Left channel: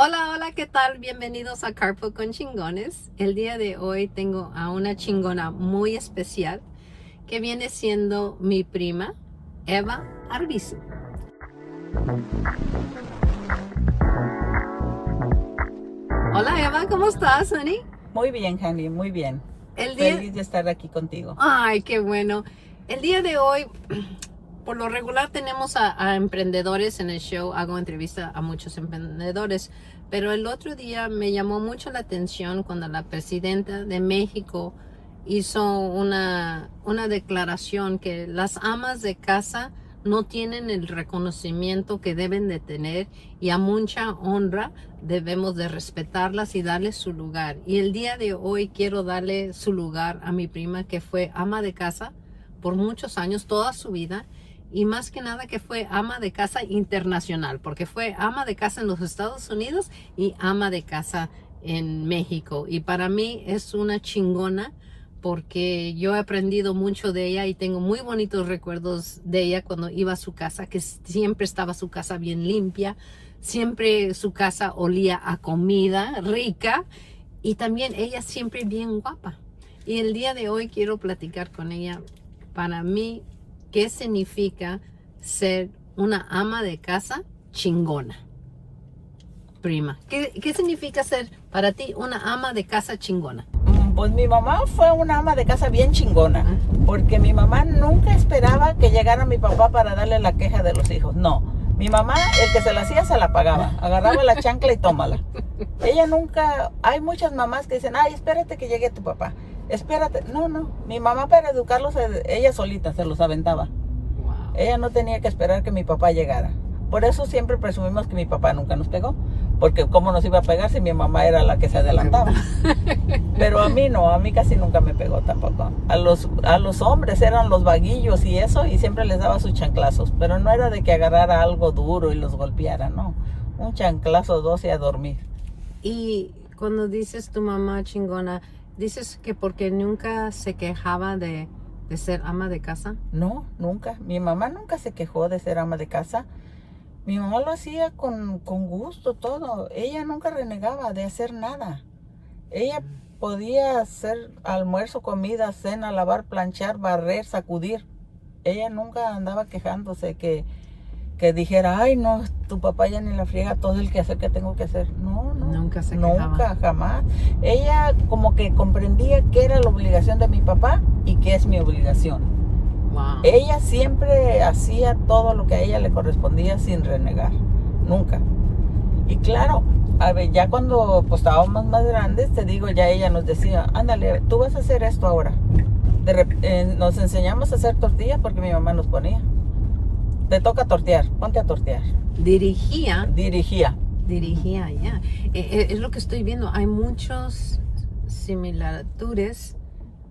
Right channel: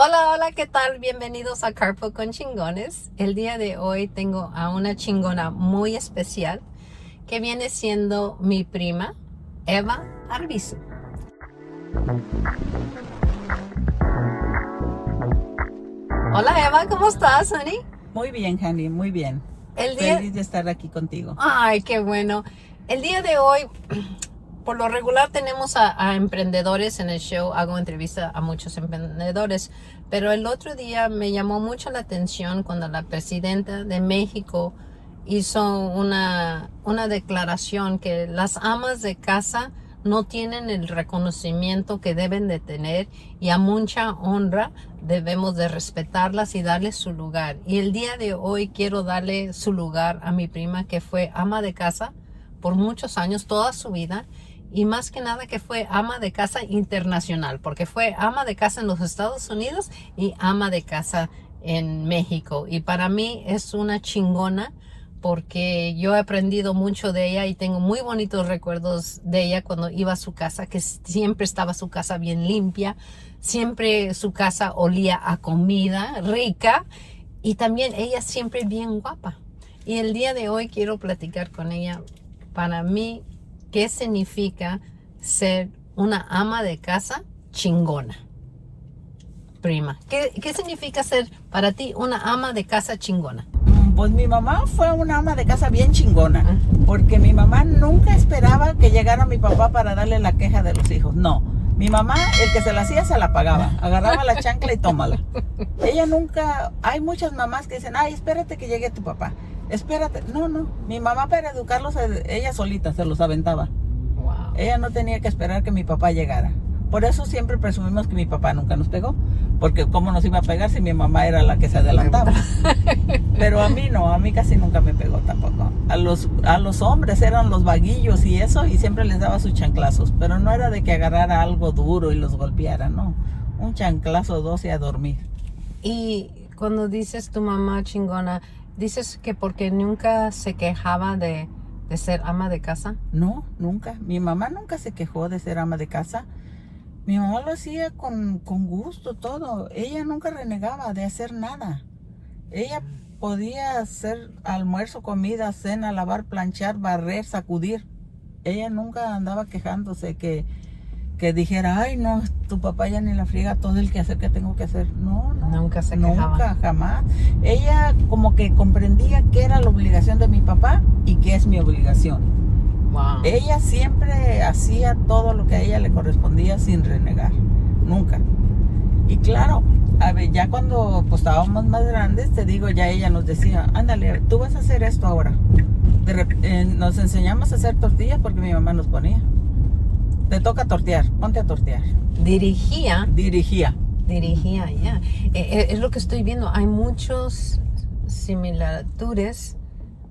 Hola, hola, ¿qué tal? Bienvenidos a Carpool con Chingones. El día de hoy tengo a una chingona muy especial que viene siendo mi prima, Eva Arbizu. Hola Eva, ¿cómo estás, honey? Muy bien, Hanny, muy bien. El día... Feliz de estar aquí contigo. Ay, qué bueno. El día de hoy, por lo regular tenemos a emprendedores en el show, hago entrevista a muchos emprendedores, pero el otro día me llamó mucho la atención cuando la presidenta de México hizo una declaración que las amas de casa no tienen el reconocimiento que deben de tener y a mucha honra debemos de respetarlas y darles su lugar. Y el día de hoy quiero darle su lugar a mi prima que fue ama de casa por muchos años, toda su vida, y más que nada que fue ama de casa internacional, porque fue ama de casa en los Estados Unidos y ama de casa en México. Y para mí es una chingona porque yo he aprendido mucho de ella y tengo muy bonitos recuerdos de ella cuando iba a su casa, que siempre estaba su casa bien limpia, siempre su casa olía a comida rica y también ella siempre bien guapa. Y el día de hoy quiero platicar con ella para mí qué significa ser una ama de casa chingona. Prima, ¿qué significa ser para ti una ama de casa chingona? Pues mi mamá fue una ama de casa bien chingona, porque mi mamá nunca esperaba que llegara mi papá para darle la queja de los hijos. No, mi mamá, el que se la hacía, se la pagaba. Agarraba la chancla y tómala. Ella nunca, hay muchas mamás que dicen, ay, espérate que llegue tu papá. Espérate. No, no. Mi mamá para educarlos, ella solita se los aventaba. Wow. Ella no tenía que esperar que mi papá llegara. Por eso siempre presumimos que mi papá nunca nos pegó. Porque cómo nos iba a pegar si mi mamá era la que se adelantaba. Pero a mí no, a mí casi nunca me pegó tampoco. A los hombres eran los vaguillos y eso, y siempre les daba sus chanclazos. Pero no era de que agarrara algo duro y los golpeara, no. Un chanclazo, dos y a dormir. Y cuando dices tu mamá chingona, dices que porque nunca se quejaba de ser ama de casa. No, nunca. Mi mamá nunca se quejó de ser ama de casa. Mi mamá lo hacía con gusto todo. Ella nunca renegaba de hacer nada. Ella podía hacer almuerzo, comida, cena, lavar, planchar, barrer, sacudir. Ella nunca andaba quejándose que dijera, ay no, tu papá ya ni la friega todo el quehacer que tengo que hacer. No, no. Nunca se quejaba. Nunca, jamás. Ella como que comprendía qué era la obligación de mi papá y qué es mi obligación. Wow. Ella siempre hacía todo lo que a ella le correspondía sin renegar, nunca. Y claro, a ver, ya cuando pues, estábamos más grandes, te digo, ya ella nos decía, ándale, tú vas a hacer esto ahora. Nos enseñamos a hacer tortillas porque mi mamá nos ponía. Te toca tortear, ponte a tortear. Dirigía, Ya. Es lo que estoy viendo. Hay muchos similitudes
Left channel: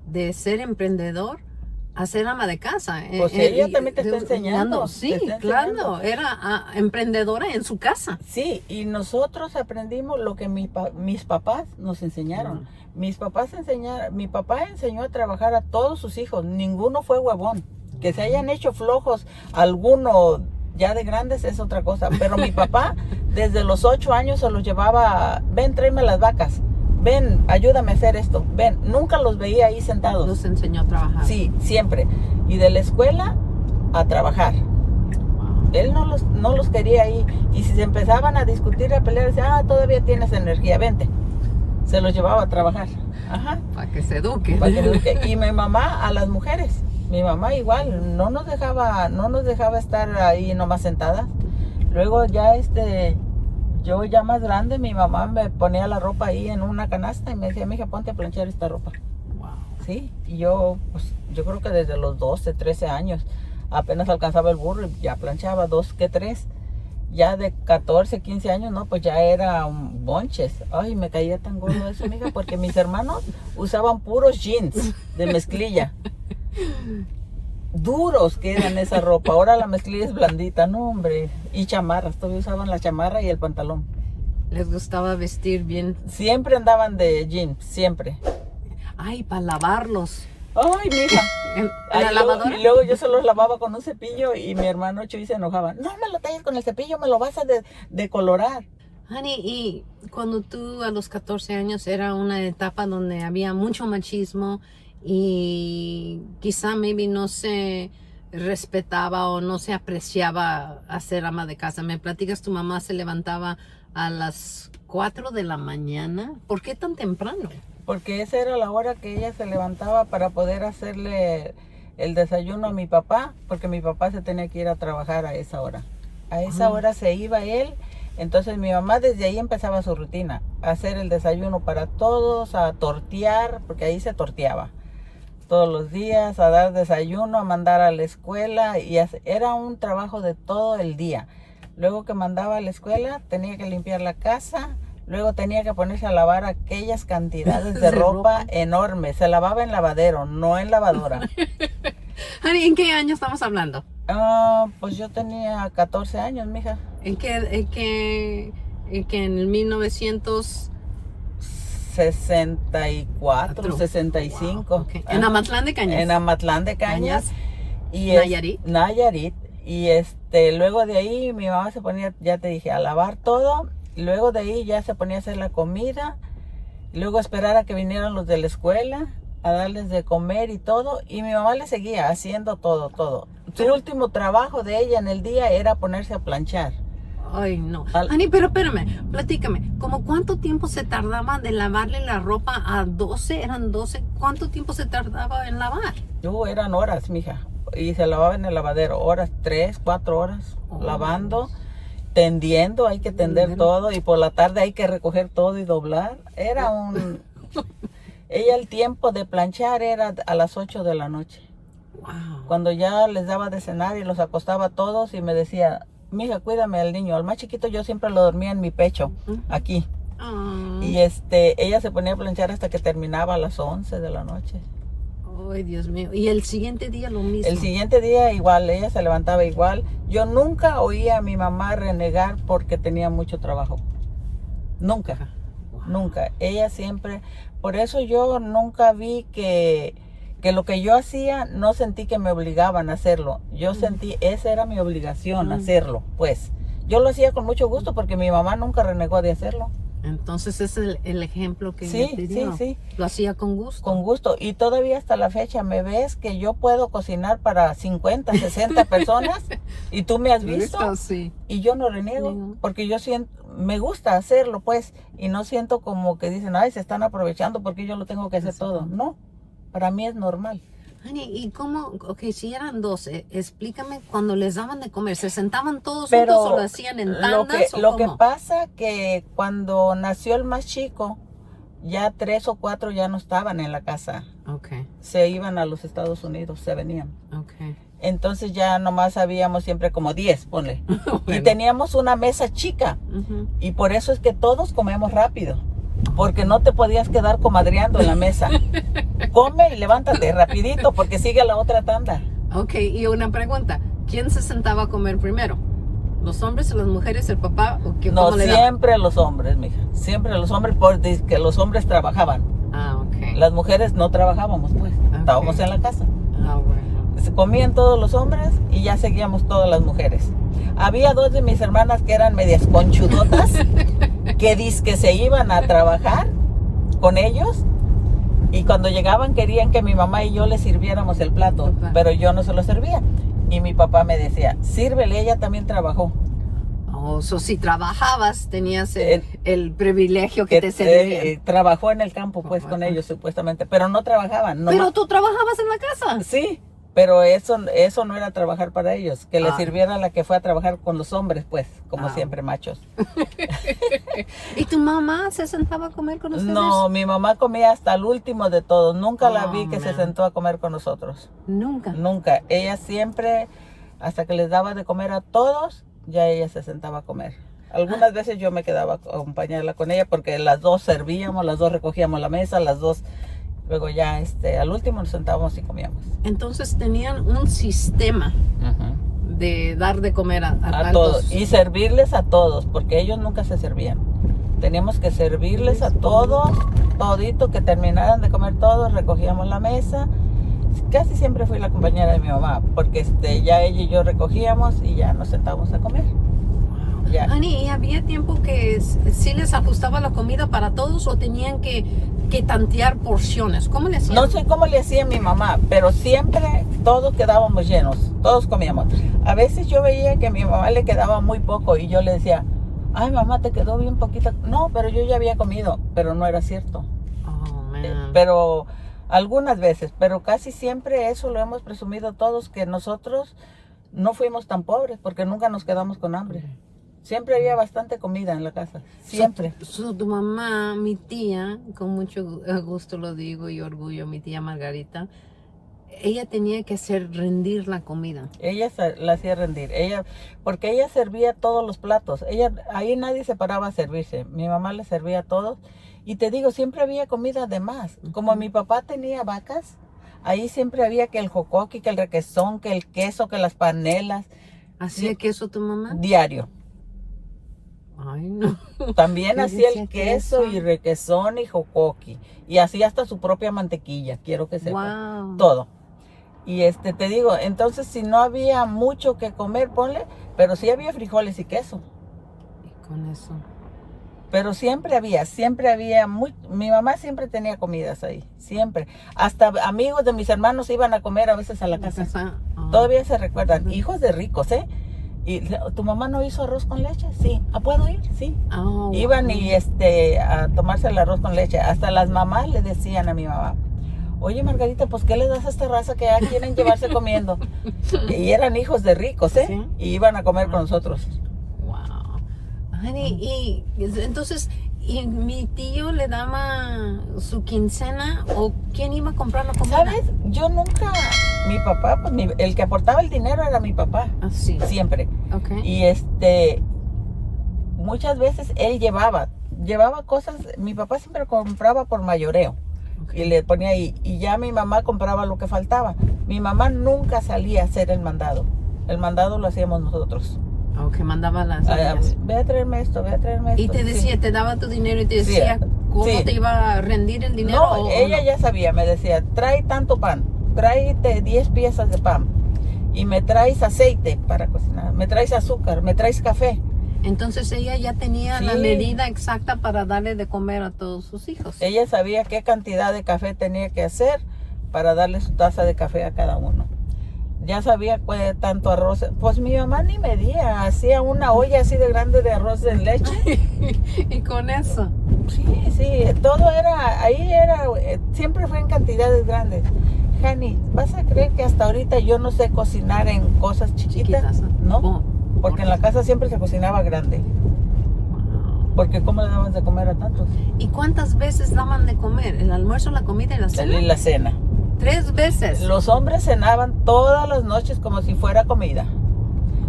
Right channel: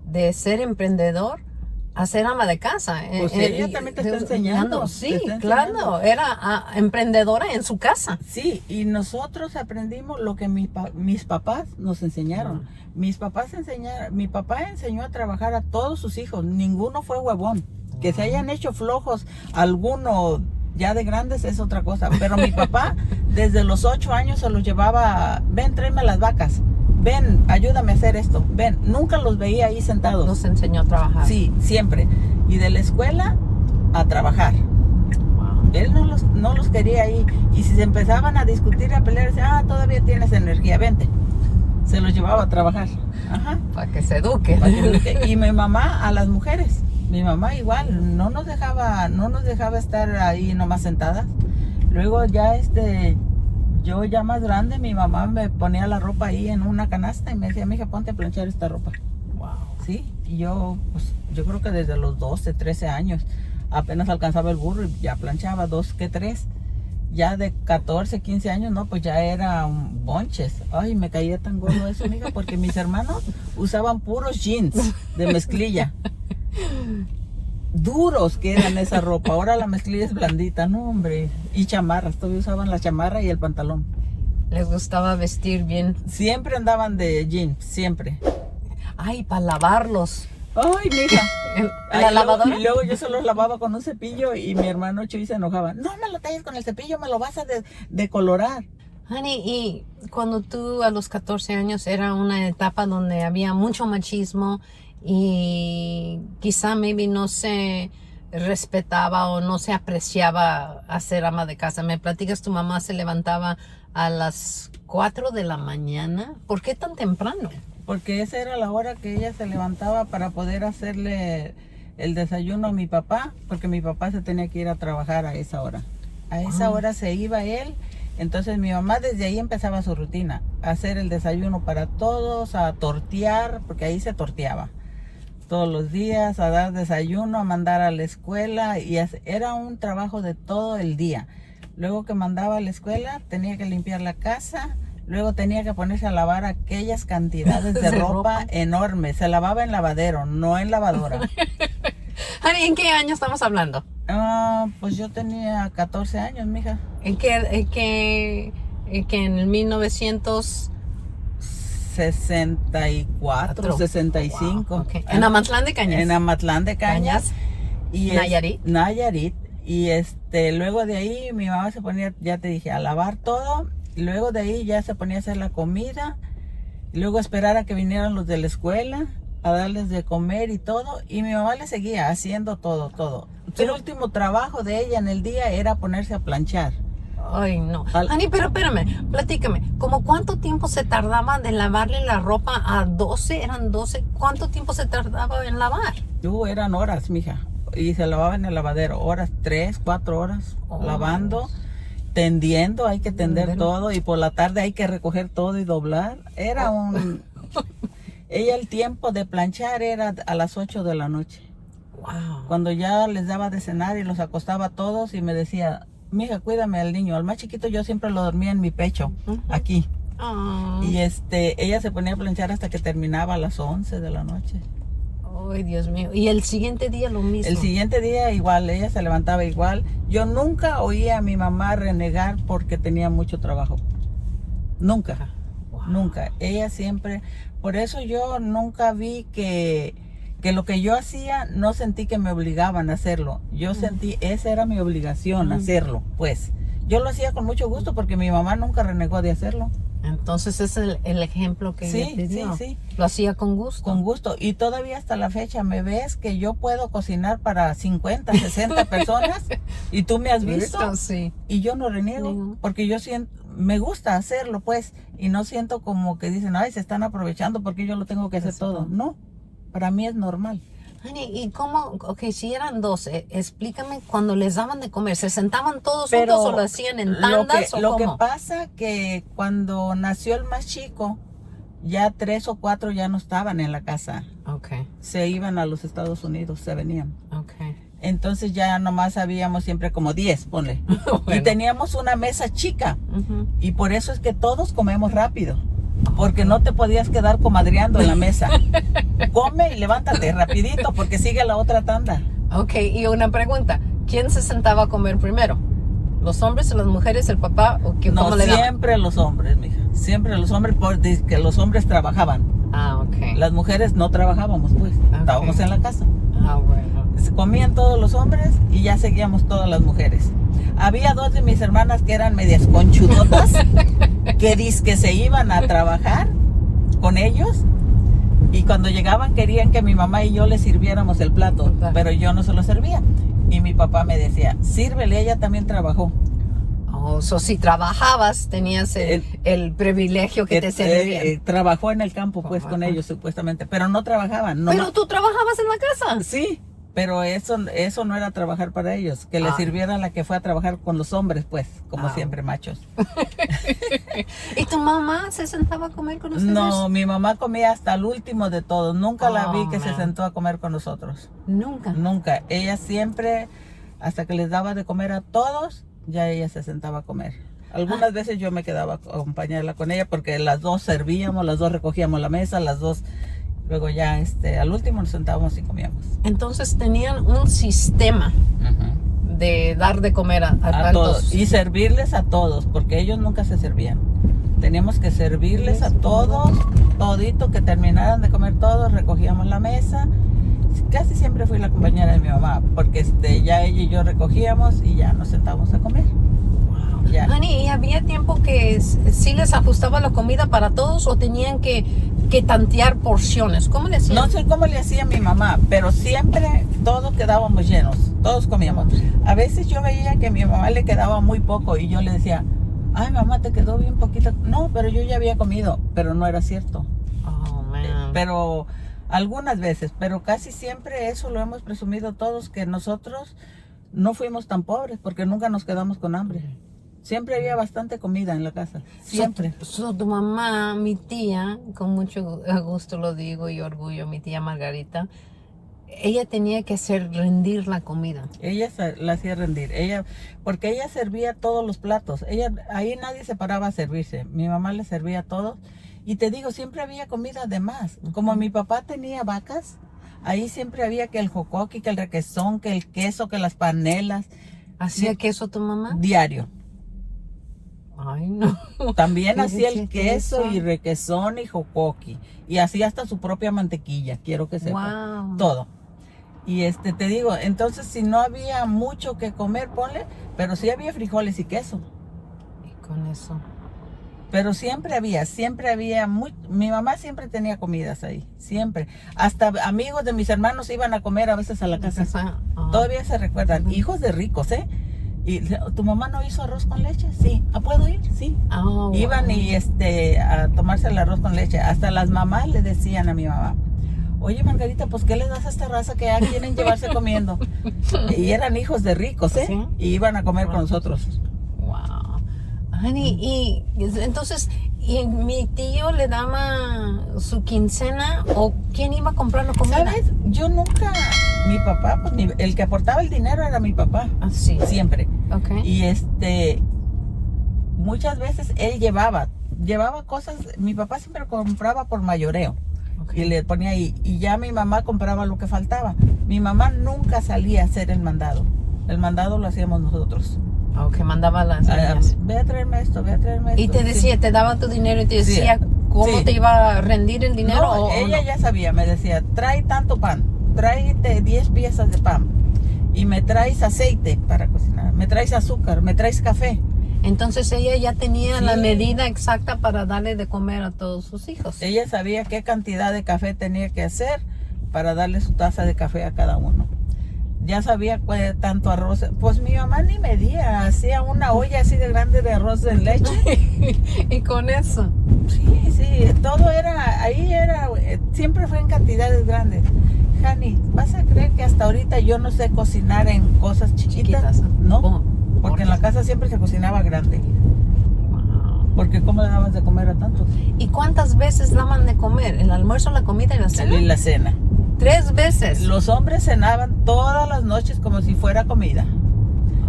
de ser emprendedor a ser ama de casa. Pues ella también te está enseñando. Sí, te está claro. enseñando. Era emprendedora en su casa. Sí, y nosotros aprendimos lo que mis papás nos enseñaron. Mi papá enseñó a trabajar a todos sus hijos, ninguno fue huevón. Que se hayan hecho flojos, alguno ya de grandes es otra cosa, pero mi papá desde los 8 años se los llevaba, ven, tráeme las vacas, ven, ayúdame a hacer esto, ven, nunca los veía ahí sentados. Los enseñó a trabajar. Sí, siempre. Y de la escuela a trabajar. Wow. Él no los quería ahí. Y si se empezaban a discutir, a pelear, decía, todavía tienes energía, vente. Se los llevaba a trabajar. Ajá. Para que se eduque. Y mi mamá a las mujeres. Mi mamá igual, no nos dejaba estar ahí nomás sentadas. Luego ya yo ya más grande, mi mamá me ponía la ropa ahí en una canasta y me decía, mija, ponte a planchar esta ropa. Wow. Sí, y yo creo que desde los 12, 13 años apenas alcanzaba el burro y ya planchaba 2 que 3. Ya de 14, 15 años, no, pues ya era bonches. Ay, me caía tan gordo eso, mija, porque mis hermanos usaban puros jeans de mezclilla. Duros que eran esa ropa. Ahora la mezclilla es blandita, no, hombre. Y chamarras, todavía usaban la chamarra y el pantalón. Les gustaba vestir bien. Siempre andaban de jeans, siempre. Ay, para lavarlos. Ay, mija. ¿En la lavadora? Y luego yo se los lavaba con un cepillo y mi hermano Chuy se enojaba. No me lo talles con el cepillo, me lo vas a decolorar. Honey, y cuando tú a los 14 años era una etapa donde había mucho machismo y quizá maybe no se respetaba o no se apreciaba a ser ama de casa. Me platicas, tu mamá se levantaba a las 4 de la mañana. ¿Por qué tan temprano? Porque esa era la hora que ella se levantaba para poder hacerle el desayuno a mi papá, porque mi papá se tenía que ir a trabajar a esa hora. A esa hora se iba él, entonces mi mamá desde ahí empezaba su rutina, a hacer el desayuno para todos, a tortear, porque ahí se torteaba todos los días, a dar desayuno, a mandar a la escuela, y era un trabajo de todo el día. Luego que mandaba a la escuela, tenía que limpiar la casa, luego tenía que ponerse a lavar aquellas cantidades de ropa enormes. Se lavaba en lavadero, no en lavadora. Honey, ¿en qué año estamos hablando? Pues yo tenía 14 años, mija. ¿En el 1900? 64, 65. Wow, okay. En Amatlán de Cañas. En Amatlán de Cañas. Y Nayarit. Nayarit. Y luego de ahí mi mamá se ponía, ya te dije, a lavar todo. Y luego de ahí ya se ponía a hacer la comida. Y luego a esperar a que vinieran los de la escuela, a darles de comer y todo. Y mi mamá le seguía haciendo todo. El último trabajo de ella en el día era ponerse a planchar. Ay, no. Ani, pero espérame, platícame. ¿Cómo cuánto tiempo se tardaba de lavarle la ropa a 12? ¿Eran 12? ¿Cuánto tiempo se tardaba en lavar? Eran horas, mija. Y se lavaba en el lavadero. Horas, 3, 4 horas. Lavando, tendiendo, hay que tender todo. Y por la tarde hay que recoger todo y doblar. Era ella el tiempo de planchar era a las 8 de la noche. Wow. Cuando ya les daba de cenar y los acostaba a todos y me decía... Mija, cuídame al niño. Al más chiquito yo siempre lo dormía en mi pecho, aquí. Y ella se ponía a planchar hasta que terminaba a las 11 de la noche. Ay, Dios mío. ¿Y el siguiente día lo mismo? El siguiente día igual, ella se levantaba igual. Yo nunca oía a mi mamá renegar porque tenía mucho trabajo. Nunca, nunca. Ella siempre... Por eso yo nunca vi que lo que yo hacía, no sentí que me obligaban a hacerlo. Yo sentí, esa era mi obligación, hacerlo, pues. Yo lo hacía con mucho gusto porque mi mamá nunca renegó de hacerlo. Entonces es el ejemplo que ella te dio. Sí. Lo hacía con gusto. Con gusto. Y todavía hasta la fecha me ves que yo puedo cocinar para 50, 60 personas y tú me has visto. Sí. Y yo no reniego porque yo siento, me gusta hacerlo, pues. Y no siento como que dicen, ay, se están aprovechando porque yo lo tengo que hacer todo. No. Para mí es normal. Honey, ¿y cómo? Ok, si eran 12, explícame cuando les daban de comer. ¿Se sentaban todos juntos o lo hacían en tandas lo que pasa que cuando nació el más chico, ya 3 o 4 ya no estaban en la casa. Okay. Se iban a los Estados Unidos, se venían. Okay. Entonces ya nomás habíamos siempre como 10, ponle. Y teníamos una mesa chica. Y por eso es que todos comemos rápido. Porque no te podías quedar comadreando en la mesa. Come y levántate rapidito porque sigue la otra tanda. Ok, y una pregunta. ¿Quién se sentaba a comer primero? ¿Los hombres o las mujeres, el papá? ¿O qué, no, siempre los hombres, mija. Siempre los hombres porque los hombres trabajaban. Ah, ok. Las mujeres no trabajábamos, pues. Okay. Estábamos en la casa. Ah, bueno. Se comían todos los hombres y ya seguíamos todas las mujeres. Había 2 de mis hermanas que eran medias conchudotas que se iban a trabajar con ellos y cuando llegaban querían que mi mamá y yo les sirviéramos el plato, pero yo no se lo servía. Y mi papá me decía, sírvele, ella también trabajó. Oh, si trabajabas tenías el privilegio que te servían. Trabajó en el campo pues con ellos supuestamente, pero no trabajaban. No, pero tú trabajabas en la casa. Sí. Pero eso no era trabajar para ellos, que les sirviera la que fue a trabajar con los hombres, pues, como siempre, machos. ¿Y tu mamá se sentaba a comer con ustedes? No, mi mamá comía hasta el último de todos. Nunca la vi que se sentó a comer con nosotros. ¿Nunca? Nunca. Ella siempre, hasta que les daba de comer a todos, ya ella se sentaba a comer. Algunas veces yo me quedaba a acompañarla con ella porque las dos servíamos, las dos recogíamos la mesa, las dos... Luego ya al último nos sentábamos y comíamos. Entonces tenían un sistema de dar de comer a todos. Y servirles a todos, porque ellos nunca se servían. Teníamos que servirles a todos, todito, que terminaran de comer todos, recogíamos la mesa. Casi siempre fui la compañera de mi mamá, porque ya ella y yo recogíamos y ya nos sentábamos a comer. Ya. Honey, ¿y había tiempo que sí les ajustaba la comida para todos o tenían que tantear porciones? ¿Cómo le hacían? No sé cómo le hacía mi mamá, pero siempre todos quedábamos llenos, todos comíamos. A veces yo veía que a mi mamá le quedaba muy poco y yo le decía, ay mamá, te quedó bien poquito. No, pero yo ya había comido, pero no era cierto. Oh, man. Pero algunas veces, pero casi siempre eso lo hemos presumido todos, que nosotros no fuimos tan pobres porque nunca nos quedamos con hambre. Siempre había bastante comida en la casa, siempre. Tu mamá, mi tía, con mucho gusto lo digo y orgullo, mi tía Margarita, ella tenía que hacer rendir la comida. Ella la hacía rendir, porque ella servía todos los platos. Ahí nadie se paraba a servirse. Mi mamá le servía a todos. Y te digo, siempre había comida de más. Como mi papá tenía vacas, ahí siempre había que el jocoqui, que el requesón, que el queso, que las panelas. ¿Hacía queso tu mamá? Diario. Ay, no. También ¿Y hacía decía el queso queso? y requesón y jocoqui. Y hacía hasta su propia mantequilla, quiero que sepa. Wow. Todo. Y te digo, entonces si no había mucho que comer, ponle, pero sí había frijoles y queso. Y con eso. Pero siempre había, mi mamá siempre tenía comidas ahí, siempre. Hasta amigos de mis hermanos iban a comer a veces a la casa. Todavía se recuerdan, hijos de ricos, ¿eh? Y ¿tu mamá no hizo arroz con leche? Sí. ¿Puedo ir? Sí. Oh, Iban wow. y a tomarse el arroz con leche. Hasta las mamás le decían a mi mamá, oye Margarita, pues ¿qué le das a esta raza que ya quieren llevarse comiendo? Y eran hijos de ricos, ¿eh? ¿Sí? Y iban a comer con nosotros. Wow. Honey, y entonces, ¿y mi tío le daba su quincena o quién iba a comprar la comida? ¿Sabes? Yo nunca, mi papá, pues el que aportaba el dinero era mi papá. Ah, sí. Siempre. Ok. Y muchas veces él llevaba cosas, mi papá siempre compraba por mayoreo. Y le ponía ahí, y ya mi mamá compraba lo que faltaba. Mi mamá nunca salía a hacer el mandado. El mandado lo hacíamos nosotros. Ok, mandaba las niñas. Ve a traerme esto, ve a traerme esto. Y te decía, Sí. te daba tu dinero y te Sí, decía cómo sí. te iba a rendir el dinero. No, o ella no? ya sabía, me decía, trae tanto pan, tráete 10 piezas de pan. Y me traes aceite para cocinar, me traes azúcar, me traes café. Entonces ella ya tenía la Sí. medida exacta para darle de comer a todos sus hijos. Ella sabía qué cantidad de café tenía que hacer para darle su taza de café a cada uno. Ya sabía tanto arroz. Pues mi mamá ni medía, hacía una olla así de grande de arroz en leche. Y con eso. Sí, sí, todo siempre fue en cantidades grandes. Hani, ¿vas a creer que hasta ahorita yo no sé cocinar en cosas chiquitas? No, ¿Cómo? porque en la casa siempre se cocinaba grande. Wow. Porque ¿cómo le daban de comer a tantos? ¿Y cuántas veces daban de comer? ¿El almuerzo, la comida y la cena? Y la cena. 3 veces. Los hombres cenaban todas las noches como si fuera comida.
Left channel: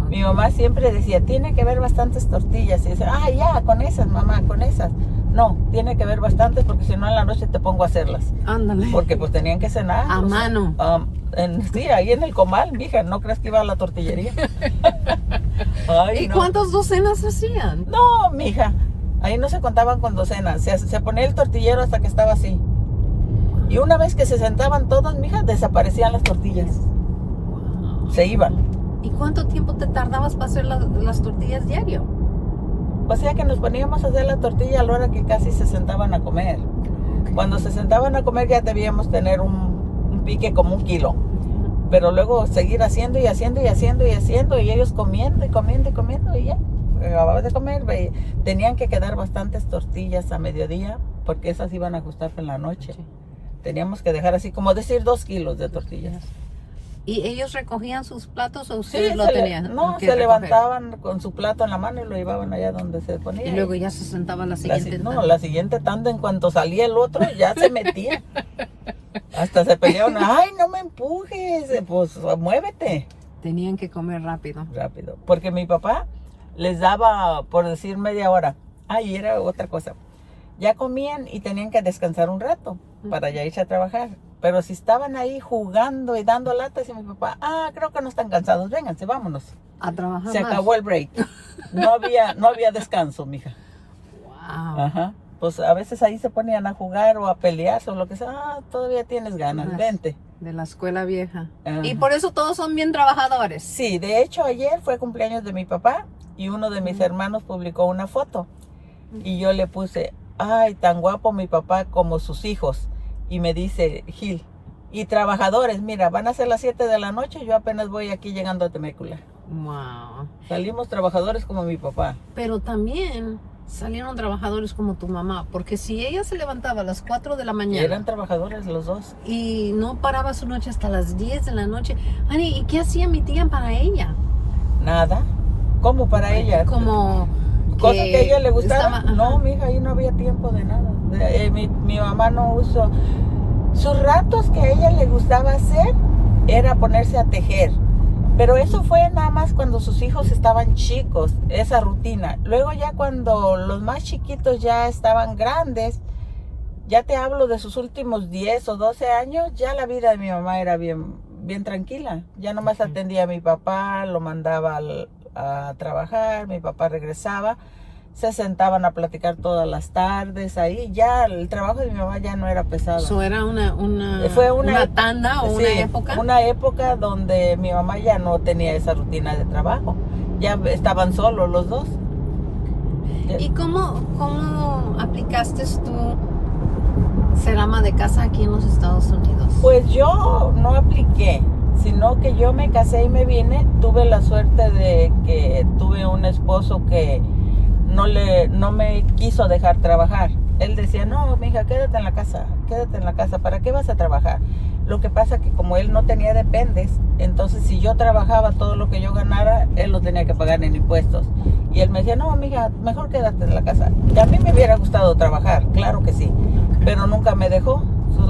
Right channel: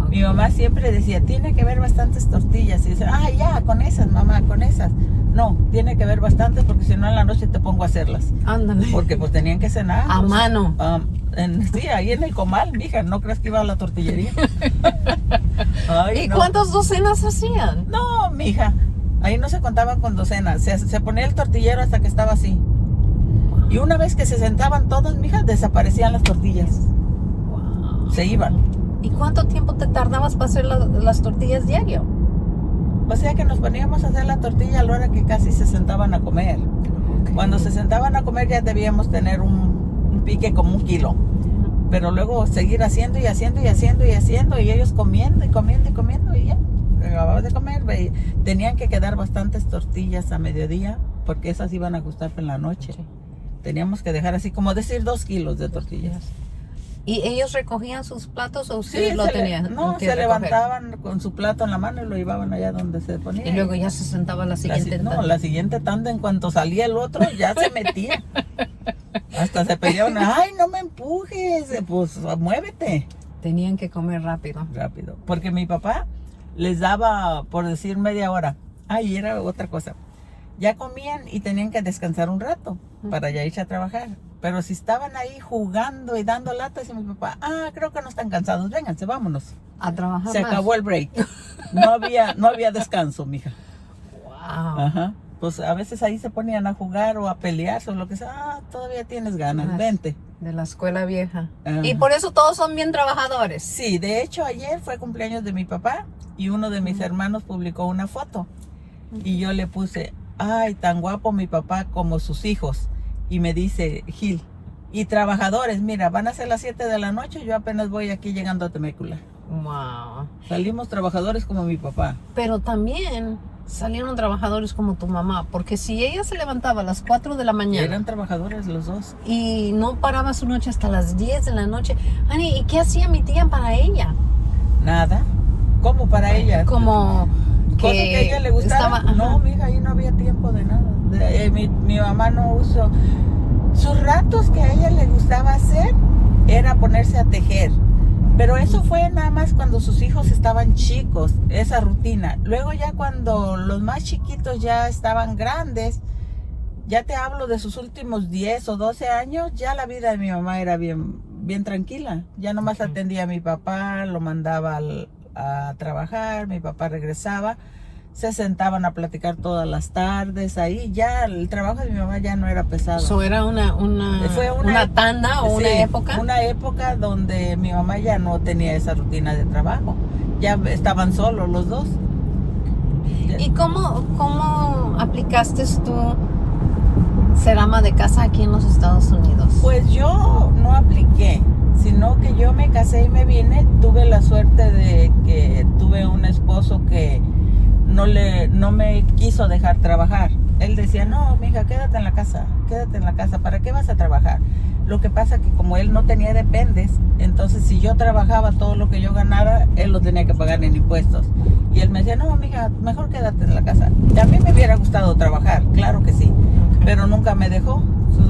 Mi mamá siempre decía, tiene que haber bastantes tortillas. Y dice, ya, con esas, mamá, con esas. No, tiene que haber bastantes porque si no en la noche te pongo a hacerlas. Ándale. Porque pues tenían que cenar. A mano. Sí, ahí en el comal, mija, no crees que iba a la tortillería. Ay, ¿Y no. cuántas docenas hacían? No, mija, ahí no se contaban con docenas. Se ponía el tortillero hasta que estaba así. Y una vez que se sentaban todos, mija, desaparecían las tortillas. Wow. Se iban. ¿Y cuánto tiempo te tardabas para hacer las tortillas diario? O sea que nos poníamos a hacer la tortilla a la hora que casi se sentaban a comer. Okay. Cuando se sentaban a comer ya debíamos tener un pique como 1 kilo. Pero luego seguir haciendo y haciendo y haciendo y haciendo y ellos comiendo y comiendo y comiendo y ya. Acababan de comer. Tenían que quedar bastantes tortillas a mediodía porque esas iban a gustar en la noche. Sí. Teníamos que dejar así como decir 2 kilos de tortillas. ¿Y ellos recogían sus platos o Sí, ustedes lo tenían? no, que se recoger? levantaban con su plato en la mano y lo llevaban allá donde se ponía. Y luego ya se sentaba la siguiente. La siguiente tanda, en cuanto salía el otro, ya se metía. Hasta se peleaban, ay, no me empujes, pues muévete. Tenían que comer rápido. Rápido, porque mi papá les daba, por decir, media hora. Ay, era otra cosa. Ya comían y tenían que descansar un rato para ya irse a trabajar. Pero si estaban ahí jugando y dando latas y mi papá, creo que no están cansados, vénganse, vámonos. A trabajar Se más. acabó el break. No había descanso, mija. Wow. Ajá. Pues a veces ahí se ponían a jugar o a pelear o lo que sea. Todavía tienes ganas, vente. De la escuela vieja. Ajá. Y por eso todos son bien trabajadores. Sí, de hecho ayer fue cumpleaños de mi papá y uno de mis hermanos publicó una foto y yo le puse, ay, tan guapo mi papá como sus hijos. Y me dice Gil, y trabajadores, mira, van a ser las 7 de la noche, yo apenas voy aquí llegando a Temécula. Wow. Salimos trabajadores como mi papá. Pero también salieron trabajadores como tu mamá, porque si ella se levantaba a las 4 de la mañana Eran trabajadores los dos. y no paraba su noche hasta las 10 de la noche, Ani, ¿y qué hacía mi tía para ella? Nada. ¿Cómo para ella? Como Cosas que a ella le gustaba. No, mija, ahí no había tiempo de nada. Mi mamá no usó. Sus ratos que a ella le gustaba hacer era ponerse a tejer. Pero eso fue nada más cuando sus hijos estaban chicos, esa rutina. Luego ya cuando los más chiquitos ya estaban grandes, ya te hablo de sus últimos 10 o 12 años, ya la vida de mi mamá era bien tranquila. Ya nomás atendía a mi papá, lo mandaba a trabajar, mi papá regresaba, se sentaban a platicar todas las tardes, ahí ya el trabajo de mi mamá ya no era pesado. ¿Eso era Fue una tanda o una sí, época? Una época donde mi mamá ya no tenía esa rutina de trabajo, ya estaban solos los dos. ¿Y cómo aplicaste tú ser ama de casa aquí en los Estados Unidos? Pues yo no apliqué, sino que yo me casé y me vine. Tuve la suerte de que tuve un esposo que no me quiso dejar trabajar. Él decía, no, mija, quédate en la casa, ¿para qué vas a trabajar? Lo que pasa que como él no tenía dependes, entonces si yo trabajaba todo lo que yo ganara, él lo tenía que pagar en impuestos. Y él me decía, no, mija, mejor quédate en la casa. A mí me hubiera gustado trabajar, claro que sí, pero nunca me dejó.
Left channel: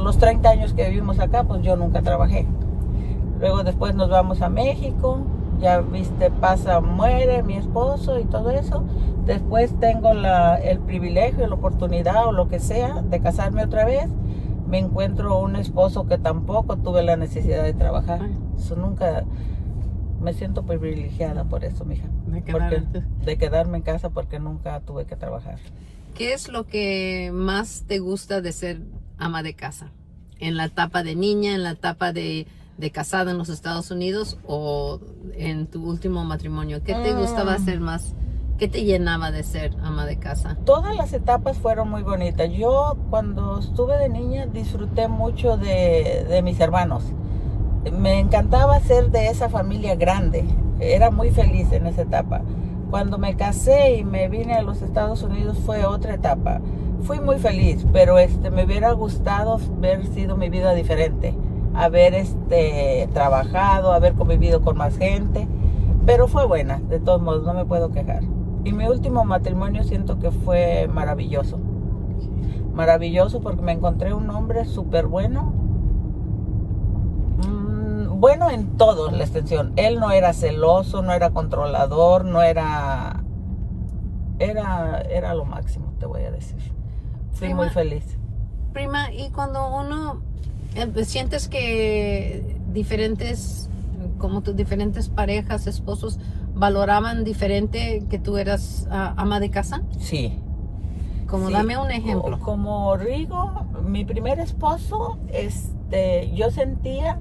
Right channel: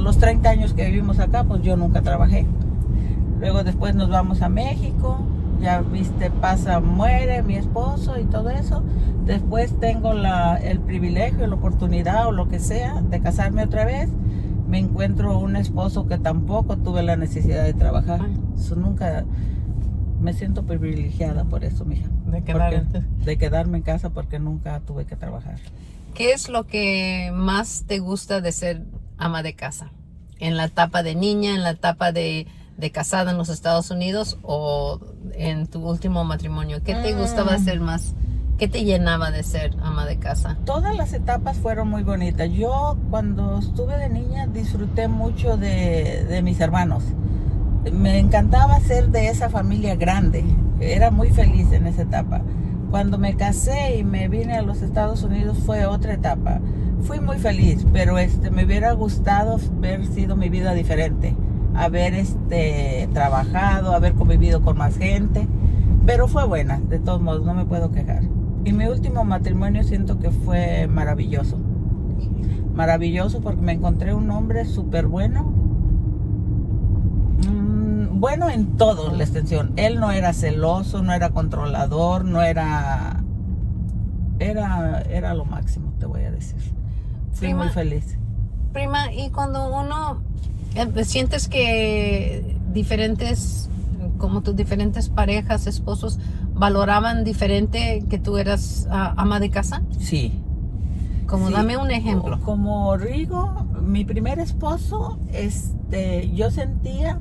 Los 30 años que vivimos acá, pues yo nunca trabajé. Luego después nos vamos a México, ya viste, muere mi esposo y todo eso. Después tengo el privilegio, la oportunidad o lo que sea de casarme otra vez. Me encuentro un esposo que tampoco tuve la necesidad de trabajar. Eso nunca, me siento privilegiada por eso, mija. De quedarme en casa porque nunca tuve que trabajar. ¿Qué es lo que más te gusta de ser ama de casa? ¿En la etapa de niña, en la etapa de casada en los Estados Unidos o en tu último matrimonio? ¿Qué te gustaba hacer más? ¿Qué te llenaba de ser ama de casa? Todas las etapas fueron muy bonitas. Yo cuando estuve de niña disfruté mucho de mis hermanos. Me encantaba ser de esa familia grande. Era muy feliz en esa etapa. Cuando me casé y me vine a los Estados Unidos fue otra etapa. Fui muy feliz, pero me hubiera gustado haber sido mi vida diferente. Haber trabajado, haber convivido con más gente. Pero fue buena, de todos modos, no me puedo quejar. Y mi último matrimonio siento que fue maravilloso. Maravilloso porque me encontré un hombre súper bueno. Bueno en todo la extensión. Él no era celoso, no era controlador, no era... Era lo máximo, te voy a decir. Fui muy feliz. Prima, y cuando uno... ¿Sientes que como tus diferentes parejas, esposos, valoraban diferente que tú eras ama de casa? Sí. Sí. Dame un ejemplo. Como Rigo, mi primer esposo, yo sentía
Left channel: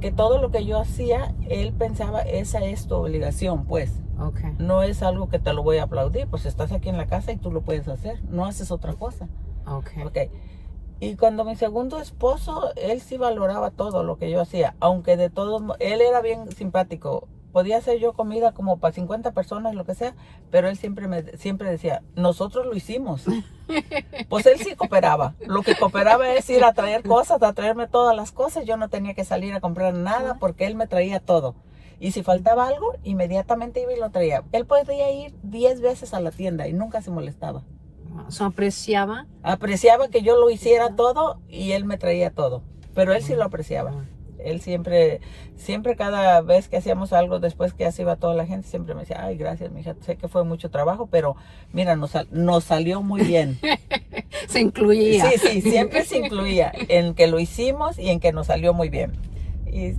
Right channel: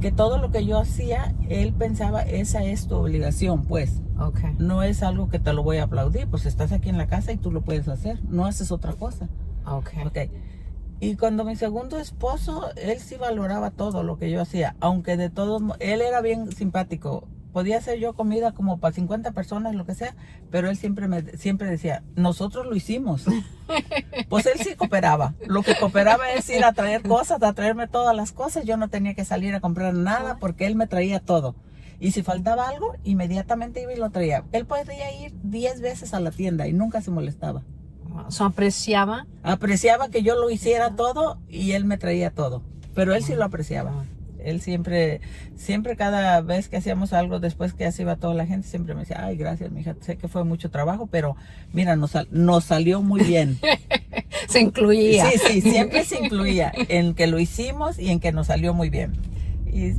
que todo lo que yo hacía, él pensaba, esa es tu obligación, pues. Okay. No es algo que te lo voy a aplaudir, pues estás aquí en la casa y tú lo puedes hacer, no haces otra cosa. Okay. Y cuando mi segundo esposo, él sí valoraba todo lo que yo hacía, aunque de todos modos, él era bien simpático. Podía hacer yo comida como para 50 personas, lo que sea, pero él siempre decía, nosotros lo hicimos. Pues él sí cooperaba. Lo que cooperaba es ir a traer cosas, a traerme todas las cosas. Yo no tenía que salir a comprar nada porque él me traía todo. Y si faltaba algo, inmediatamente iba y lo traía. Él podía ir 10 veces a la tienda y nunca se molestaba. ¿Apreciaba? Apreciaba que yo lo hiciera todo y él me traía todo. Pero él sí lo apreciaba. Él siempre cada vez que hacíamos algo, después que así iba toda la gente, siempre me decía, ay, gracias, mija, sé que fue mucho trabajo, pero mira, nos salió muy bien. Se incluía. Sí, siempre se incluía en que lo hicimos y en que nos salió muy bien. Y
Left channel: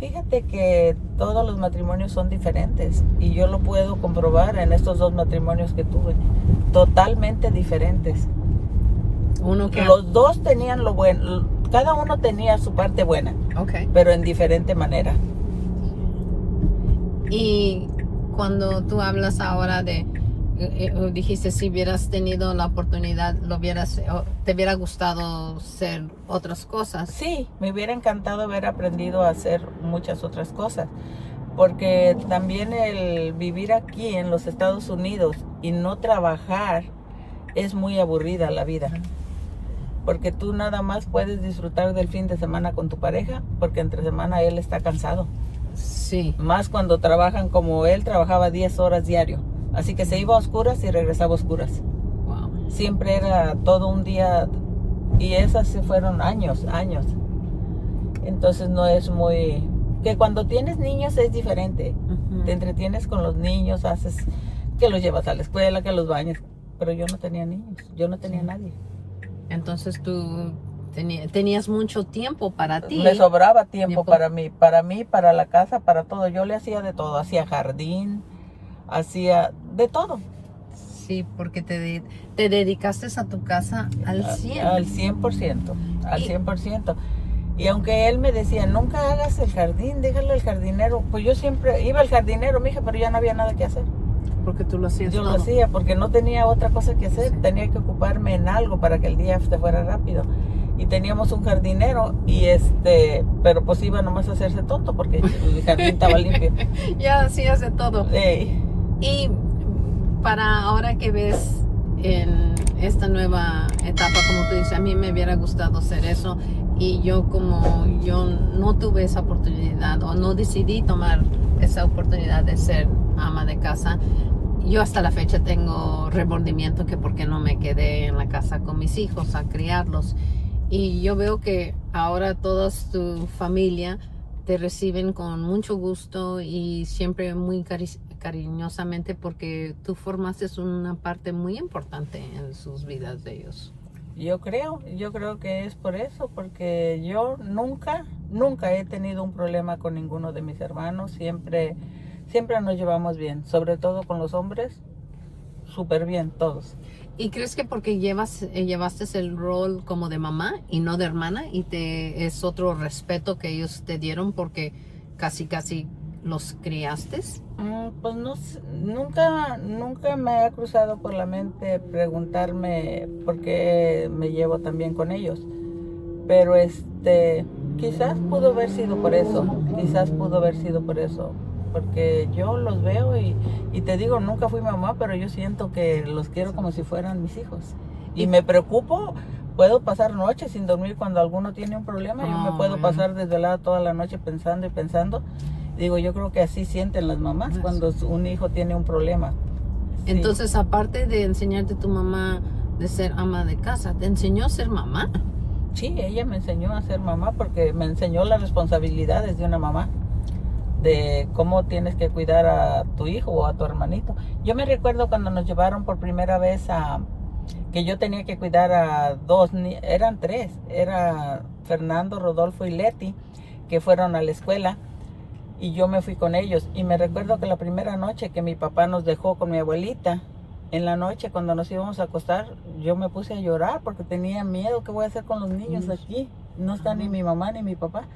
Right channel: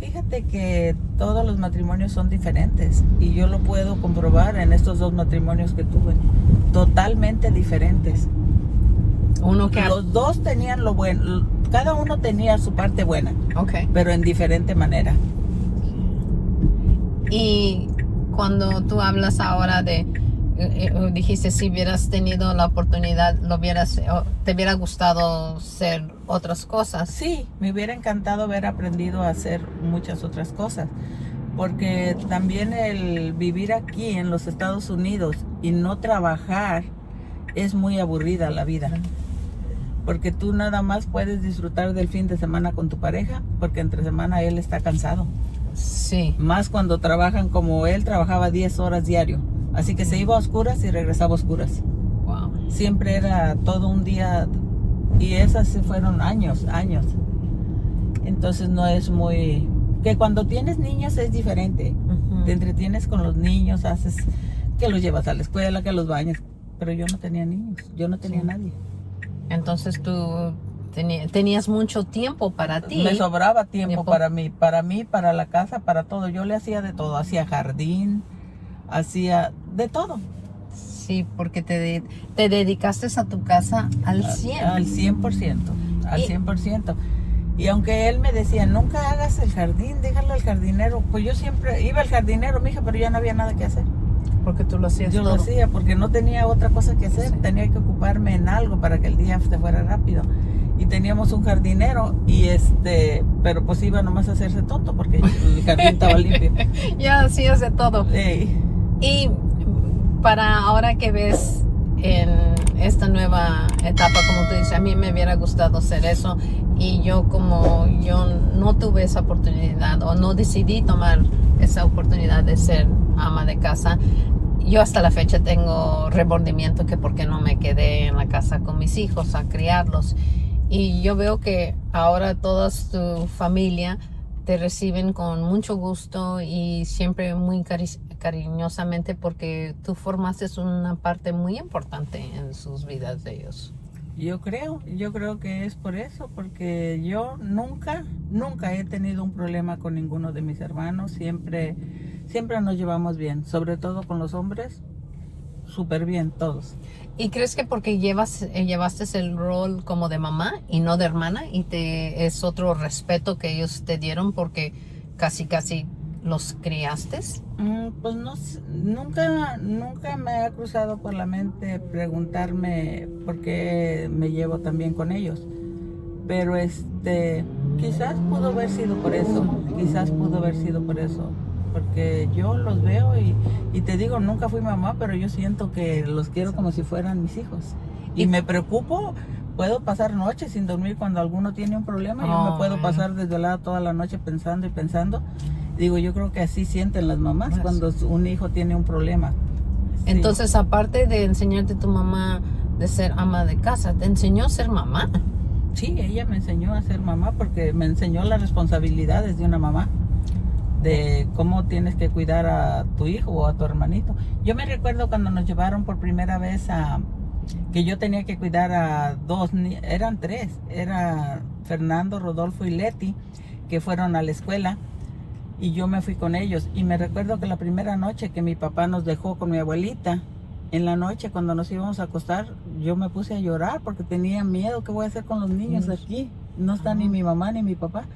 fíjate que todos los matrimonios son diferentes y yo lo puedo comprobar en estos 2 matrimonios que tuve, totalmente diferentes. Los 2 tenían lo bueno, cada uno tenía su parte buena, pero en diferente manera. Y cuando tú hablas ahora de, dijiste si hubieras tenido la oportunidad, te hubiera gustado ser otras cosas. Sí, me hubiera encantado haber aprendido a hacer muchas otras cosas, porque también el vivir aquí en los Estados Unidos y no trabajar es muy aburrida la vida. Porque tú nada más puedes disfrutar del fin de semana con tu pareja, porque entre semana él está cansado. Sí. Más cuando trabajan como él trabajaba 10 horas diario. Así que se iba a oscuras y regresaba a oscuras. Wow. Siempre era todo un día, y esas se fueron años. Entonces no es muy... Que cuando tienes niños es diferente. Te entretienes con los niños, haces que los llevas a la escuela, que los bañes. Pero yo no tenía niños, yo no tenía nadie. Entonces tú tenías mucho tiempo para ti. Me sobraba tiempo para mí, para la casa, para todo. Yo le hacía de todo, hacía jardín, hacía de todo. Sí, porque te dedicaste a tu casa al 100. Al 100%, al 100%. Y aunque él me decía, nunca hagas el jardín, déjalo al jardinero. Pues yo siempre iba al jardinero, mija, pero ya no había nada que hacer. Porque tú lo hacías Yo todo. lo hacía porque no tenía otra cosa que hacer. Tenía que ocuparme en algo para que el día se fuera rápido. Y teníamos un jardinero pero pues iba nomás a hacerse tonto porque el jardín estaba limpio. Ya hacías de todo. Ey. Y para ahora que ves en esta nueva etapa, como tú dices, a mí me hubiera gustado hacer eso. Y yo no tuve esa oportunidad o no decidí tomar esa oportunidad de ser ama de casa, yo hasta la fecha tengo remordimiento que por qué no me quedé en la casa con mis hijos a criarlos. Y yo veo que ahora toda tu familia te reciben con mucho gusto y siempre muy cariñosamente porque tú formaste una parte muy importante en sus vidas de ellos. Yo creo que es por eso, porque yo nunca he tenido un problema con ninguno de mis hermanos, siempre nos llevamos bien, sobre todo con los hombres, súper bien todos. ¿Y crees que porque llevaste el rol como de mamá y no de hermana y es otro respeto que ellos te dieron porque casi los criaste? Pues no, nunca me ha cruzado por la mente preguntarme por qué me llevo tan bien con ellos. Pero quizás pudo haber sido por eso, porque yo los veo y te digo, nunca fui mamá, pero yo siento que los quiero como si fueran mis hijos. Y me preocupo, puedo pasar noches sin dormir cuando alguno tiene un problema, yo me puedo pasar desvelada toda la noche pensando y pensando. Digo, yo creo que así sienten las mamás cuando un hijo tiene un problema. Sí. Entonces, aparte de enseñarte tu mamá de ser ama de casa, ¿te enseñó a ser mamá? Sí, ella me enseñó a ser mamá porque me enseñó las responsabilidades de una mamá, de cómo tienes que cuidar a tu hijo o a tu hermanito. Yo me recuerdo cuando nos llevaron por primera vez que yo tenía que cuidar a eran tres, era Fernando, Rodolfo y Leti, que fueron a la escuela. Y yo me fui con ellos. Y me recuerdo que la primera noche que mi papá nos dejó con mi abuelita, en la noche cuando nos íbamos a acostar, yo me puse a llorar porque tenía miedo. ¿Qué voy a hacer con los niños aquí? No está ni mi mamá ni mi papá.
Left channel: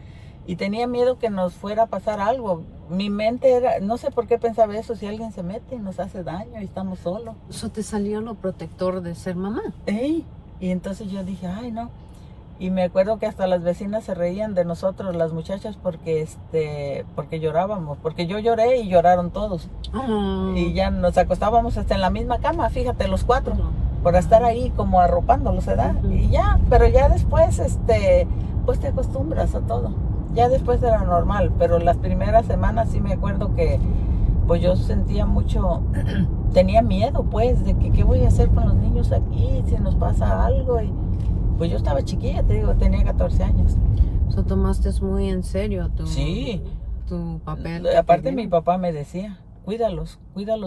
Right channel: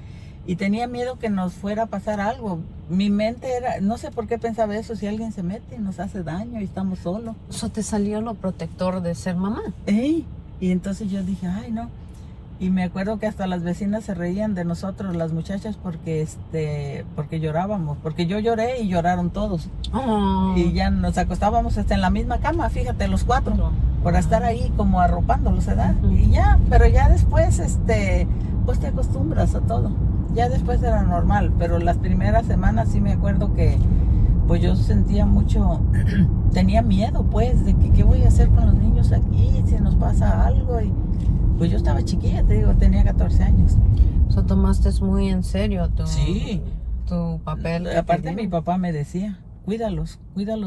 Y tenía miedo que nos fuera a pasar algo. Mi mente era, no sé por qué pensaba eso, si alguien se mete, nos hace daño y estamos solos. Eso te salió lo protector de ser mamá. Y entonces yo dije, ay no. Y me acuerdo que hasta las vecinas se reían de nosotros, las muchachas, porque llorábamos. Porque yo lloré y lloraron todos. Y ya nos acostábamos hasta en la misma cama, fíjate, los cuatro, por estar ahí como arropándolos, ¿verdad? Y ya, pero ya después, pues te acostumbras a todo. Ya después era normal, pero las primeras semanas sí me acuerdo que, pues yo sentía mucho, tenía miedo, pues, de que qué voy a hacer con los niños aquí, si nos pasa algo. Y pues yo estaba chiquilla, te digo, tenía 14 años. Eso tomaste muy en serio tu papel. Aparte mi papá me decía, cuídalos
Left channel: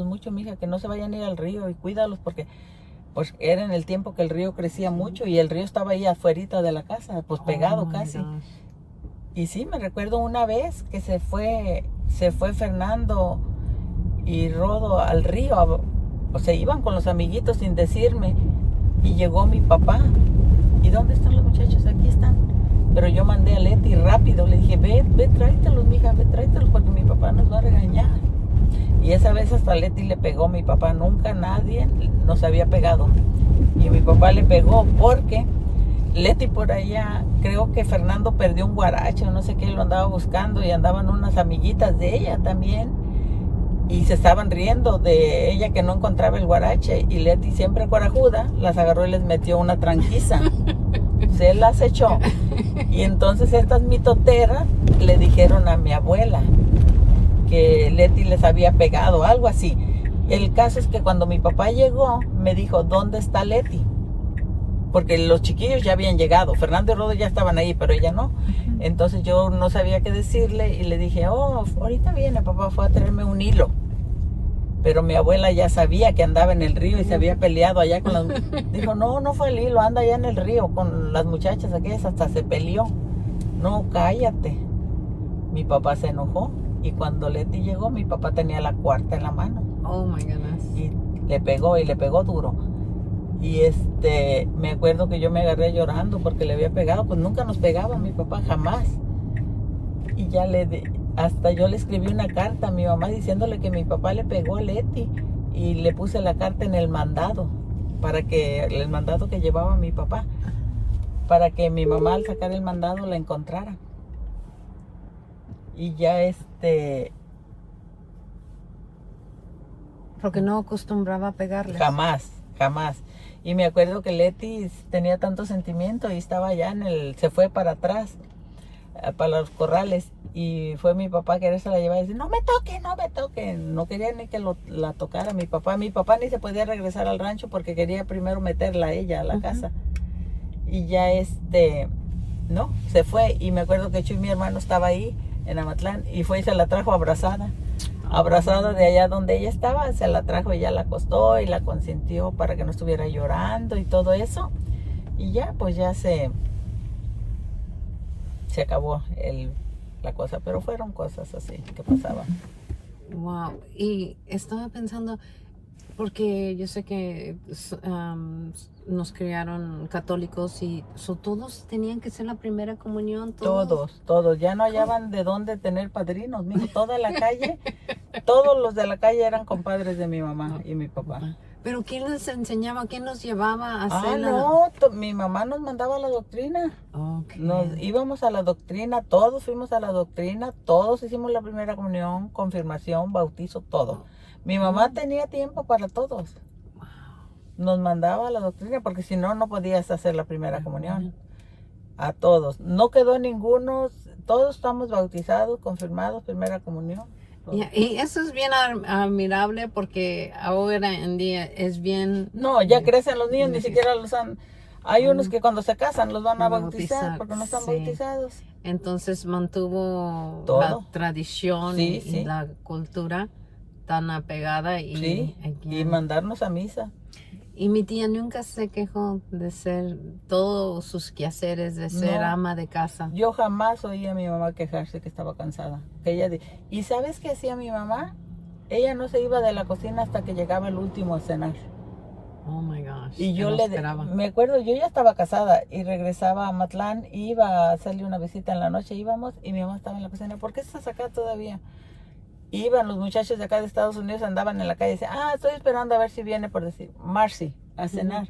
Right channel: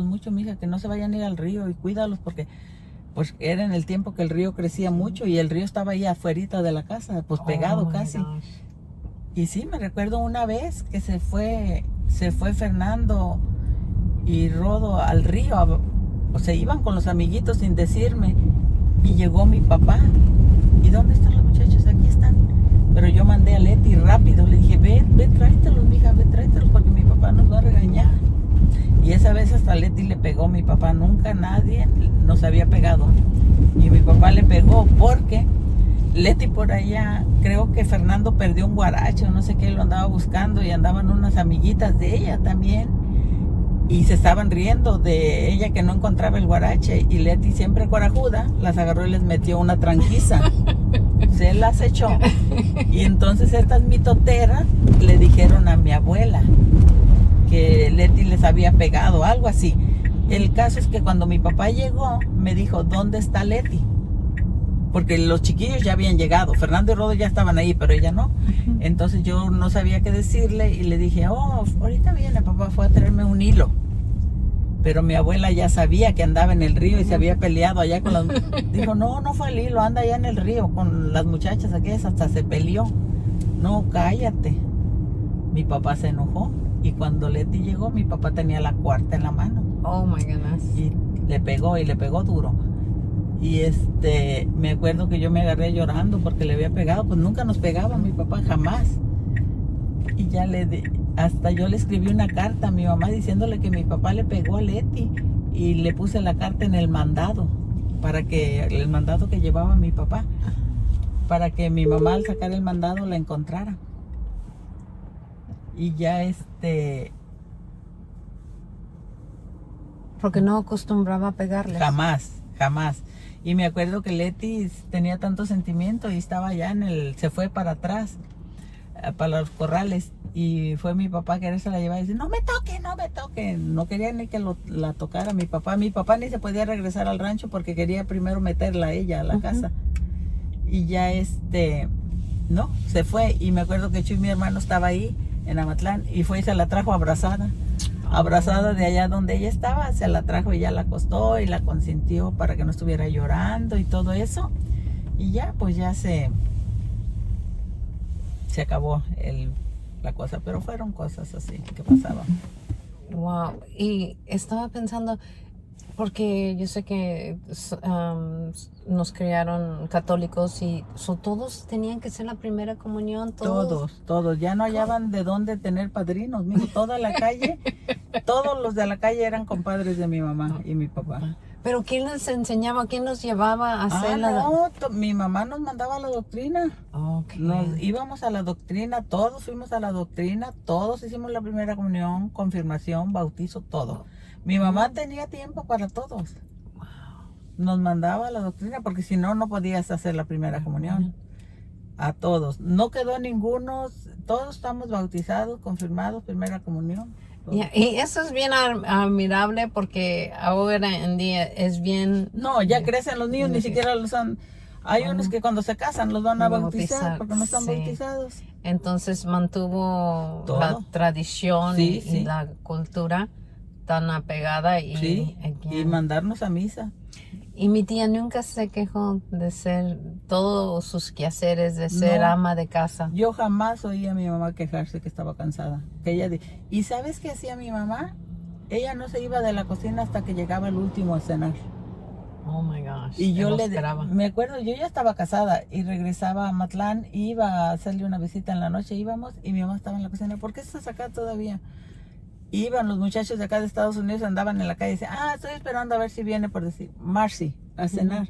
mucho, mija, que no se vayan a ir al río y cuídalos porque pues era en el tiempo que el río crecía mucho y el río estaba ahí afuerita de la casa, pues pegado casi. Y sí, me recuerdo una vez que se fue Fernando y Rodo al río, o se iban con los amiguitos sin decirme, y llegó mi papá. ¿Y dónde están los muchachos? Aquí están. Pero yo mandé a Leti rápido, le dije, ve, tráetelos, mija, ve, tráetelos porque mi papá nos va a regañar. Y esa vez hasta Leti le pegó. Mi papá nunca, nadie nos había pegado. Y mi papá le pegó porque Leti por allá, creo que Fernando perdió un guarache o no sé qué, lo andaba buscando y andaban unas amiguitas de ella también. Y se estaban riendo de ella que no encontraba el guarache. Y Leti, siempre corajuda, las agarró y les metió una tranquiza. Se las echó. Y entonces estas mitoteras le dijeron a mi abuela que Leti les había pegado, algo así. El caso es que cuando mi papá llegó, me dijo, ¿dónde está Leti? Porque los chiquillos ya habían llegado. Fernando y Rodo ya estaban ahí, pero ella no. Entonces yo no sabía qué decirle y le dije, oh, ahorita viene, papá fue a traerme un hilo. Pero mi abuela ya sabía que andaba en el río y se había peleado allá con las... Dijo, no fue el hilo, anda allá en el río con las muchachas aquellas, hasta se peleó. No, cállate. Mi papá se enojó y cuando Leti llegó, mi papá tenía la cuarta en la mano. Oh my goodness. Y le pegó duro. Y me acuerdo que yo me agarré llorando porque le había pegado, pues nunca nos pegaba mi papá, jamás. Y ya hasta yo le escribí una carta a mi mamá diciéndole que mi papá le pegó a Leti y le puse la carta en el mandado, el mandado que llevaba mi papá, para que mi mamá al sacar el mandado la encontrara. Y ya Porque no acostumbraba a pegarles. Jamás. Y me acuerdo que Leti tenía tanto sentimiento y estaba allá se fue para atrás, para los corrales, y fue mi papá que se la llevaba y decía, no me toquen. No quería ni que la tocara mi papá. Mi papá ni se podía regresar al rancho porque quería primero meterla a ella a la casa. Y ya no, se fue. Y me acuerdo que Chuy, mi hermano, estaba ahí en Amatlán y fue y se la trajo abrazada de allá donde ella estaba, se la trajo y ya la acostó y la consintió para que no estuviera llorando y todo eso. Y ya, pues ya se acabó la cosa, pero fueron cosas así que pasaban. Wow. Y estaba pensando, porque yo sé que nos criaron católicos y todos tenían que ser la primera comunión. Todos. Ya no hallaban de dónde tener padrinos. Mijo, toda la calle, todos los de la calle eran compadres de mi mamá y mi papá. ¿Pero quién les enseñaba? ¿Quién los llevaba a hacer mi mamá nos mandaba a la doctrina. Okay. Nos íbamos a la doctrina, todos fuimos a la doctrina, todos hicimos la primera comunión, confirmación, bautizo, todo. Mi mamá tenía tiempo para todos. Nos mandaba a la doctrina porque si no, no podías hacer la primera comunión. A todos. No quedó ninguno, todos estamos bautizados, confirmados, primera comunión. Y eso es bien admirable porque ahora en día es bien... No, ya crecen los niños, ni siquiera los han... Hay unos que cuando se casan los van a bautizar porque no están bautizados. Entonces mantuvo todo. La tradición y la cultura tan apegada. Y mandarnos a misa. Y mi tía nunca se quejó de ser todos sus quehaceres, de ser ama de casa. Yo jamás oí a mi mamá quejarse que estaba cansada. ¿Y sabes qué hacía mi mamá? Ella no se iba de la cocina hasta que llegaba el último a cenar. Oh my gosh. Y yo me acuerdo, yo ya estaba casada y regresaba a Matlán, iba a hacerle una visita en la noche, íbamos y mi mamá estaba en la cocina. ¿Por qué estás acá todavía? Iban los muchachos de acá de Estados Unidos, andaban en la calle y decían, estoy esperando a ver si viene, por decir, Marcy, a cenar.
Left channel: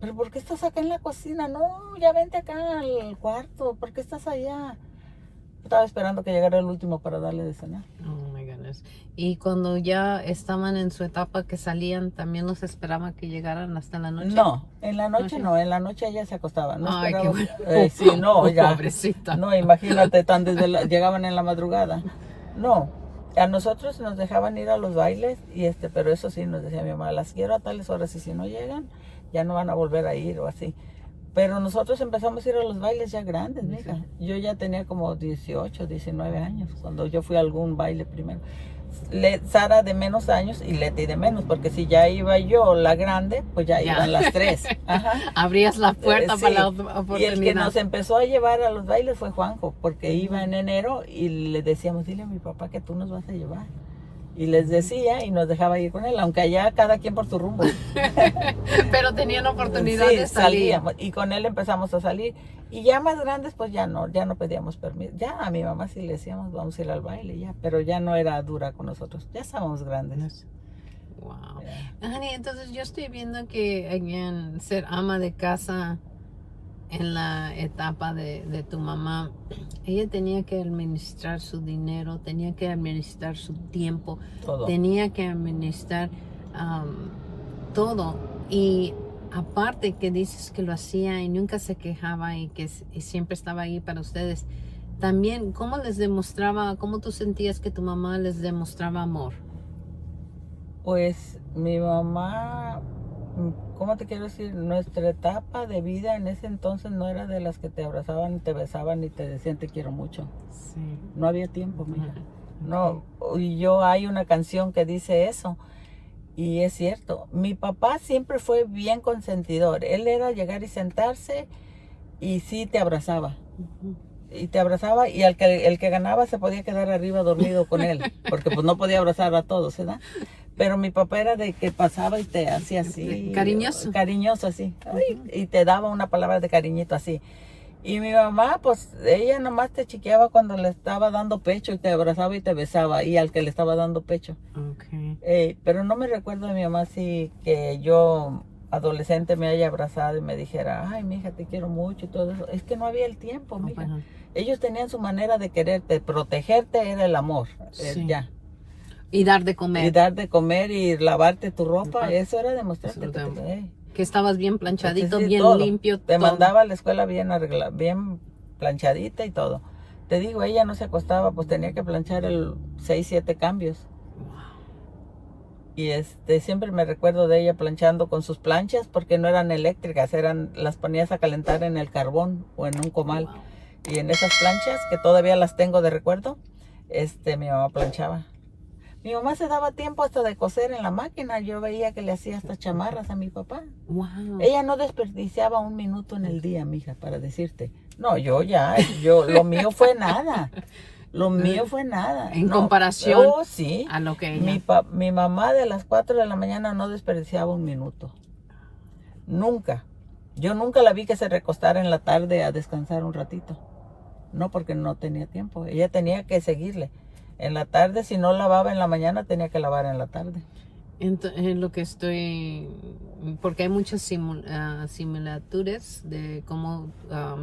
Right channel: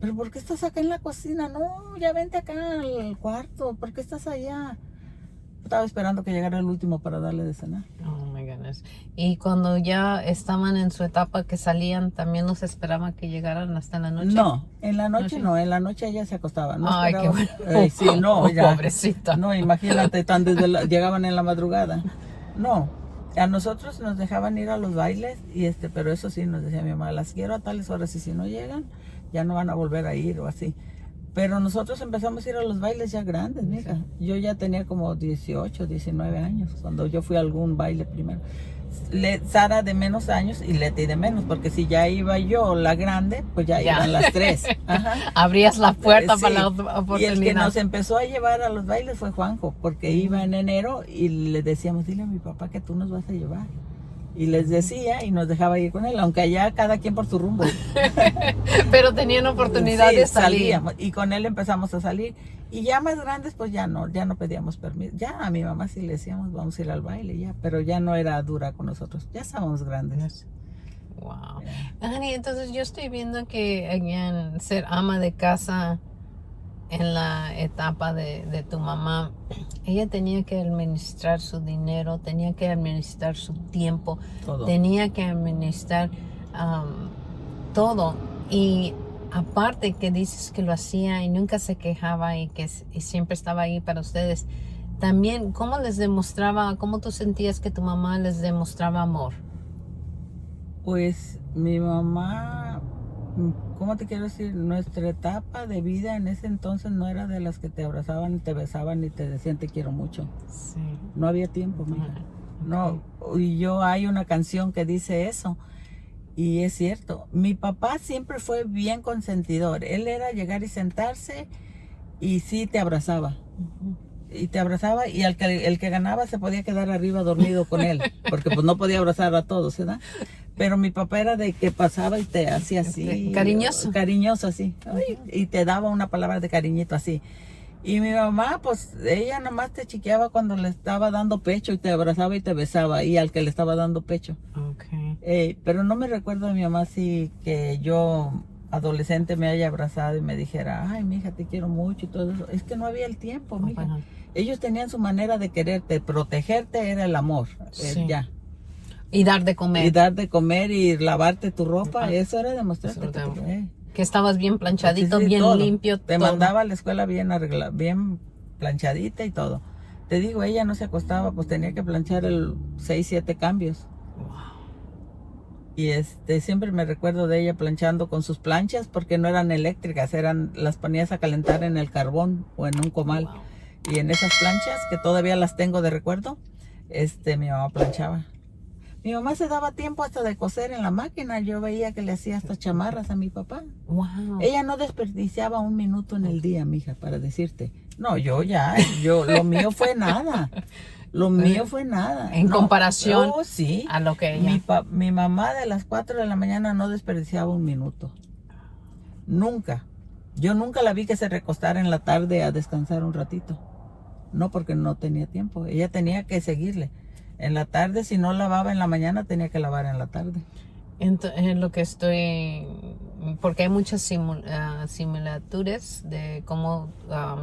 ¿Pero por qué estás acá en la cocina? No, ya vente acá al cuarto, ¿por qué estás allá? Estaba esperando que llegara el último para darle de cenar. Oh my goodness. Y cuando ya estaban en su etapa que salían, ¿también los esperaban que llegaran hasta la noche? No, en la noche no, en la noche ella se acostaba. No ay, qué bueno. Sí, no, ya. Pobrecita. No, imagínate, llegaban en la madrugada. No. A nosotros nos dejaban ir a los bailes, pero eso sí, nos decía mi mamá, las quiero a tales horas y si no llegan, ya no van a volver a ir o así. Pero nosotros empezamos a ir a los bailes ya grandes, mija. Yo ya tenía como 18, 19 años cuando yo fui a algún baile primero. Sara de menos años y Leti de menos, porque si ya iba yo la grande, pues ya iban las tres. Ajá. Abrías la puerta para la oportunidad. Y el que nos empezó a llevar a los bailes fue Juanjo, porque iba en enero y le decíamos, dile a mi papá que tú nos vas a llevar. Y les decía y nos dejaba ir con él, aunque allá cada quien por su rumbo. Pero tenían oportunidad Sí, de salir. salíamos, y con él empezamos a salir. Y ya más grandes, pues ya no pedíamos permiso. Ya a mi mamá sí le decíamos, vamos a ir al baile, ya, pero ya no era dura con nosotros. Ya estábamos grandes. Wow. Yeah. Honey, entonces yo estoy viendo que again, ser ama de casa en la etapa de tu mamá, ella tenía que administrar su dinero, tenía que administrar su tiempo, Todo. tenía que administrar todo. Y aparte que dices que lo hacía y nunca se quejaba y que y siempre estaba ahí para ustedes, también, ¿cómo les demostraba, cómo tú sentías que tu mamá les demostraba amor? Pues mi mamá, ¿cómo te quiero decir? Nuestra etapa de vida en ese entonces no era de las que te abrazaban, te besaban y te decían te quiero mucho. Sí. No había tiempo, mija. No, y hay una canción que dice eso. Y es cierto, mi papá siempre fue bien consentidor. Él era llegar y sentarse y sí te abrazaba. Y te abrazaba y el que ganaba se podía quedar arriba dormido con él, porque pues no podía abrazar a todos, ¿verdad? Pero mi papá era de que pasaba y te hacía así. Cariñoso. Cariñoso, así. Y te daba una palabra de cariñito así. Y mi mamá, pues, ella nomás te chiqueaba cuando le estaba dando pecho y te abrazaba y te besaba y al que le estaba dando pecho. Okay. Pero no me recuerdo de mi mamá así que yo, adolescente, me haya abrazado y me dijera, ay, mija, te quiero mucho y todo eso. Es que no había el tiempo, mija. Bueno. Ellos tenían su manera de quererte, protegerte era el amor, Sí. ya. Y dar de comer. Y dar de comer y lavarte tu ropa, Ah, eso era demostrarte eso que era te quería. Que estabas bien planchadito, Sí, sí, bien todo. limpio. Te todo. mandaba a la escuela bien arreglada, bien planchadita y todo. Te digo, ella no se acostaba, pues tenía que planchar 6, 7 cambios. Y siempre me recuerdo de ella planchando con sus planchas porque no eran eléctricas, las ponías a calentar en el carbón o en un comal. Wow. Y en esas planchas, que todavía las tengo de recuerdo, mi mamá planchaba. Mi mamá se daba tiempo hasta de coser en la máquina. Yo veía que le hacía hasta chamarras a mi papá. Wow. Ella no desperdiciaba un minuto en el día, mija, para decirte. No, lo mío fue nada. Lo mío fue nada. En comparación sí. a lo que ella. Mi mamá de las 4 de la mañana no desperdiciaba un minuto. Nunca. Yo nunca la vi que se recostara en la tarde a descansar un ratito. No, porque no tenía tiempo. Ella tenía que seguirle. En la tarde, si no lavaba en la mañana, tenía que lavar en la tarde. En lo que estoy, porque hay muchas similitudes de cómo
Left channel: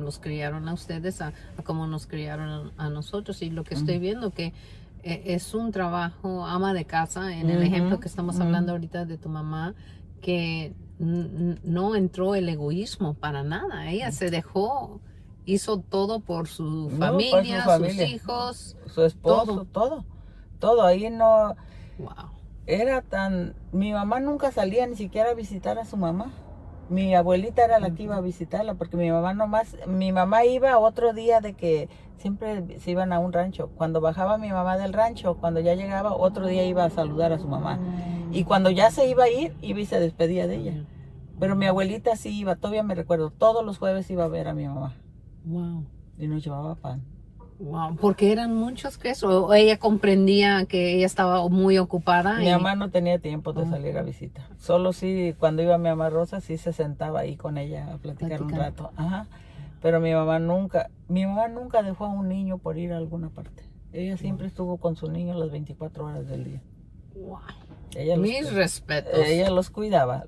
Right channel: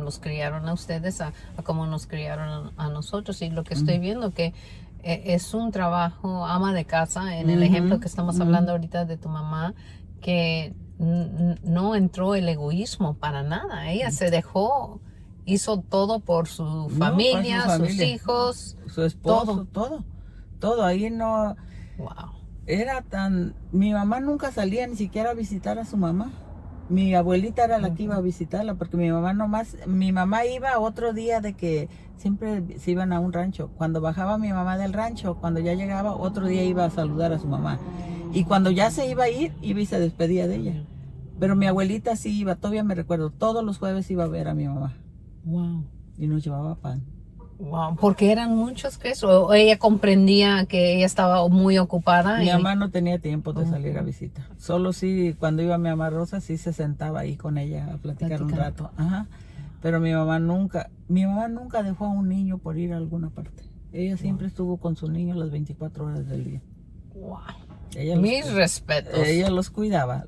nos criaron a ustedes a cómo nos criaron a nosotros, y lo que estoy viendo que es un trabajo ama de casa en el ejemplo que estamos hablando ahorita de tu mamá, que no entró el egoísmo para nada. Ella se dejó, hizo todo por su familia, sus hijos, su esposo, todo. Ahí no. Wow. Mi mamá nunca salía ni siquiera a visitar a su mamá. Mi abuelita era la que iba a visitarla, porque mi mamá iba otro día de que siempre se iban a un rancho. Cuando bajaba mi mamá del rancho, cuando ya llegaba, otro día iba a saludar a su mamá. Y cuando ya se iba a ir, iba y se despedía de ella. Pero mi abuelita sí iba, todavía me recuerdo, todos los jueves iba a ver a mi mamá. Wow. Y nos llevaba pan. Wow, porque eran muchos que eso, o ella comprendía que ella estaba muy ocupada. Mi mamá no tenía tiempo de salir a visita. Solo sí, cuando iba mi mamá Rosa, sí se sentaba ahí con ella a platicar un rato. Ajá. Pero mi mamá nunca dejó a un niño por ir a alguna parte. Ella siempre estuvo con su niño las 24 horas del día. Wow. Mis respetos. Ella los cuidaba.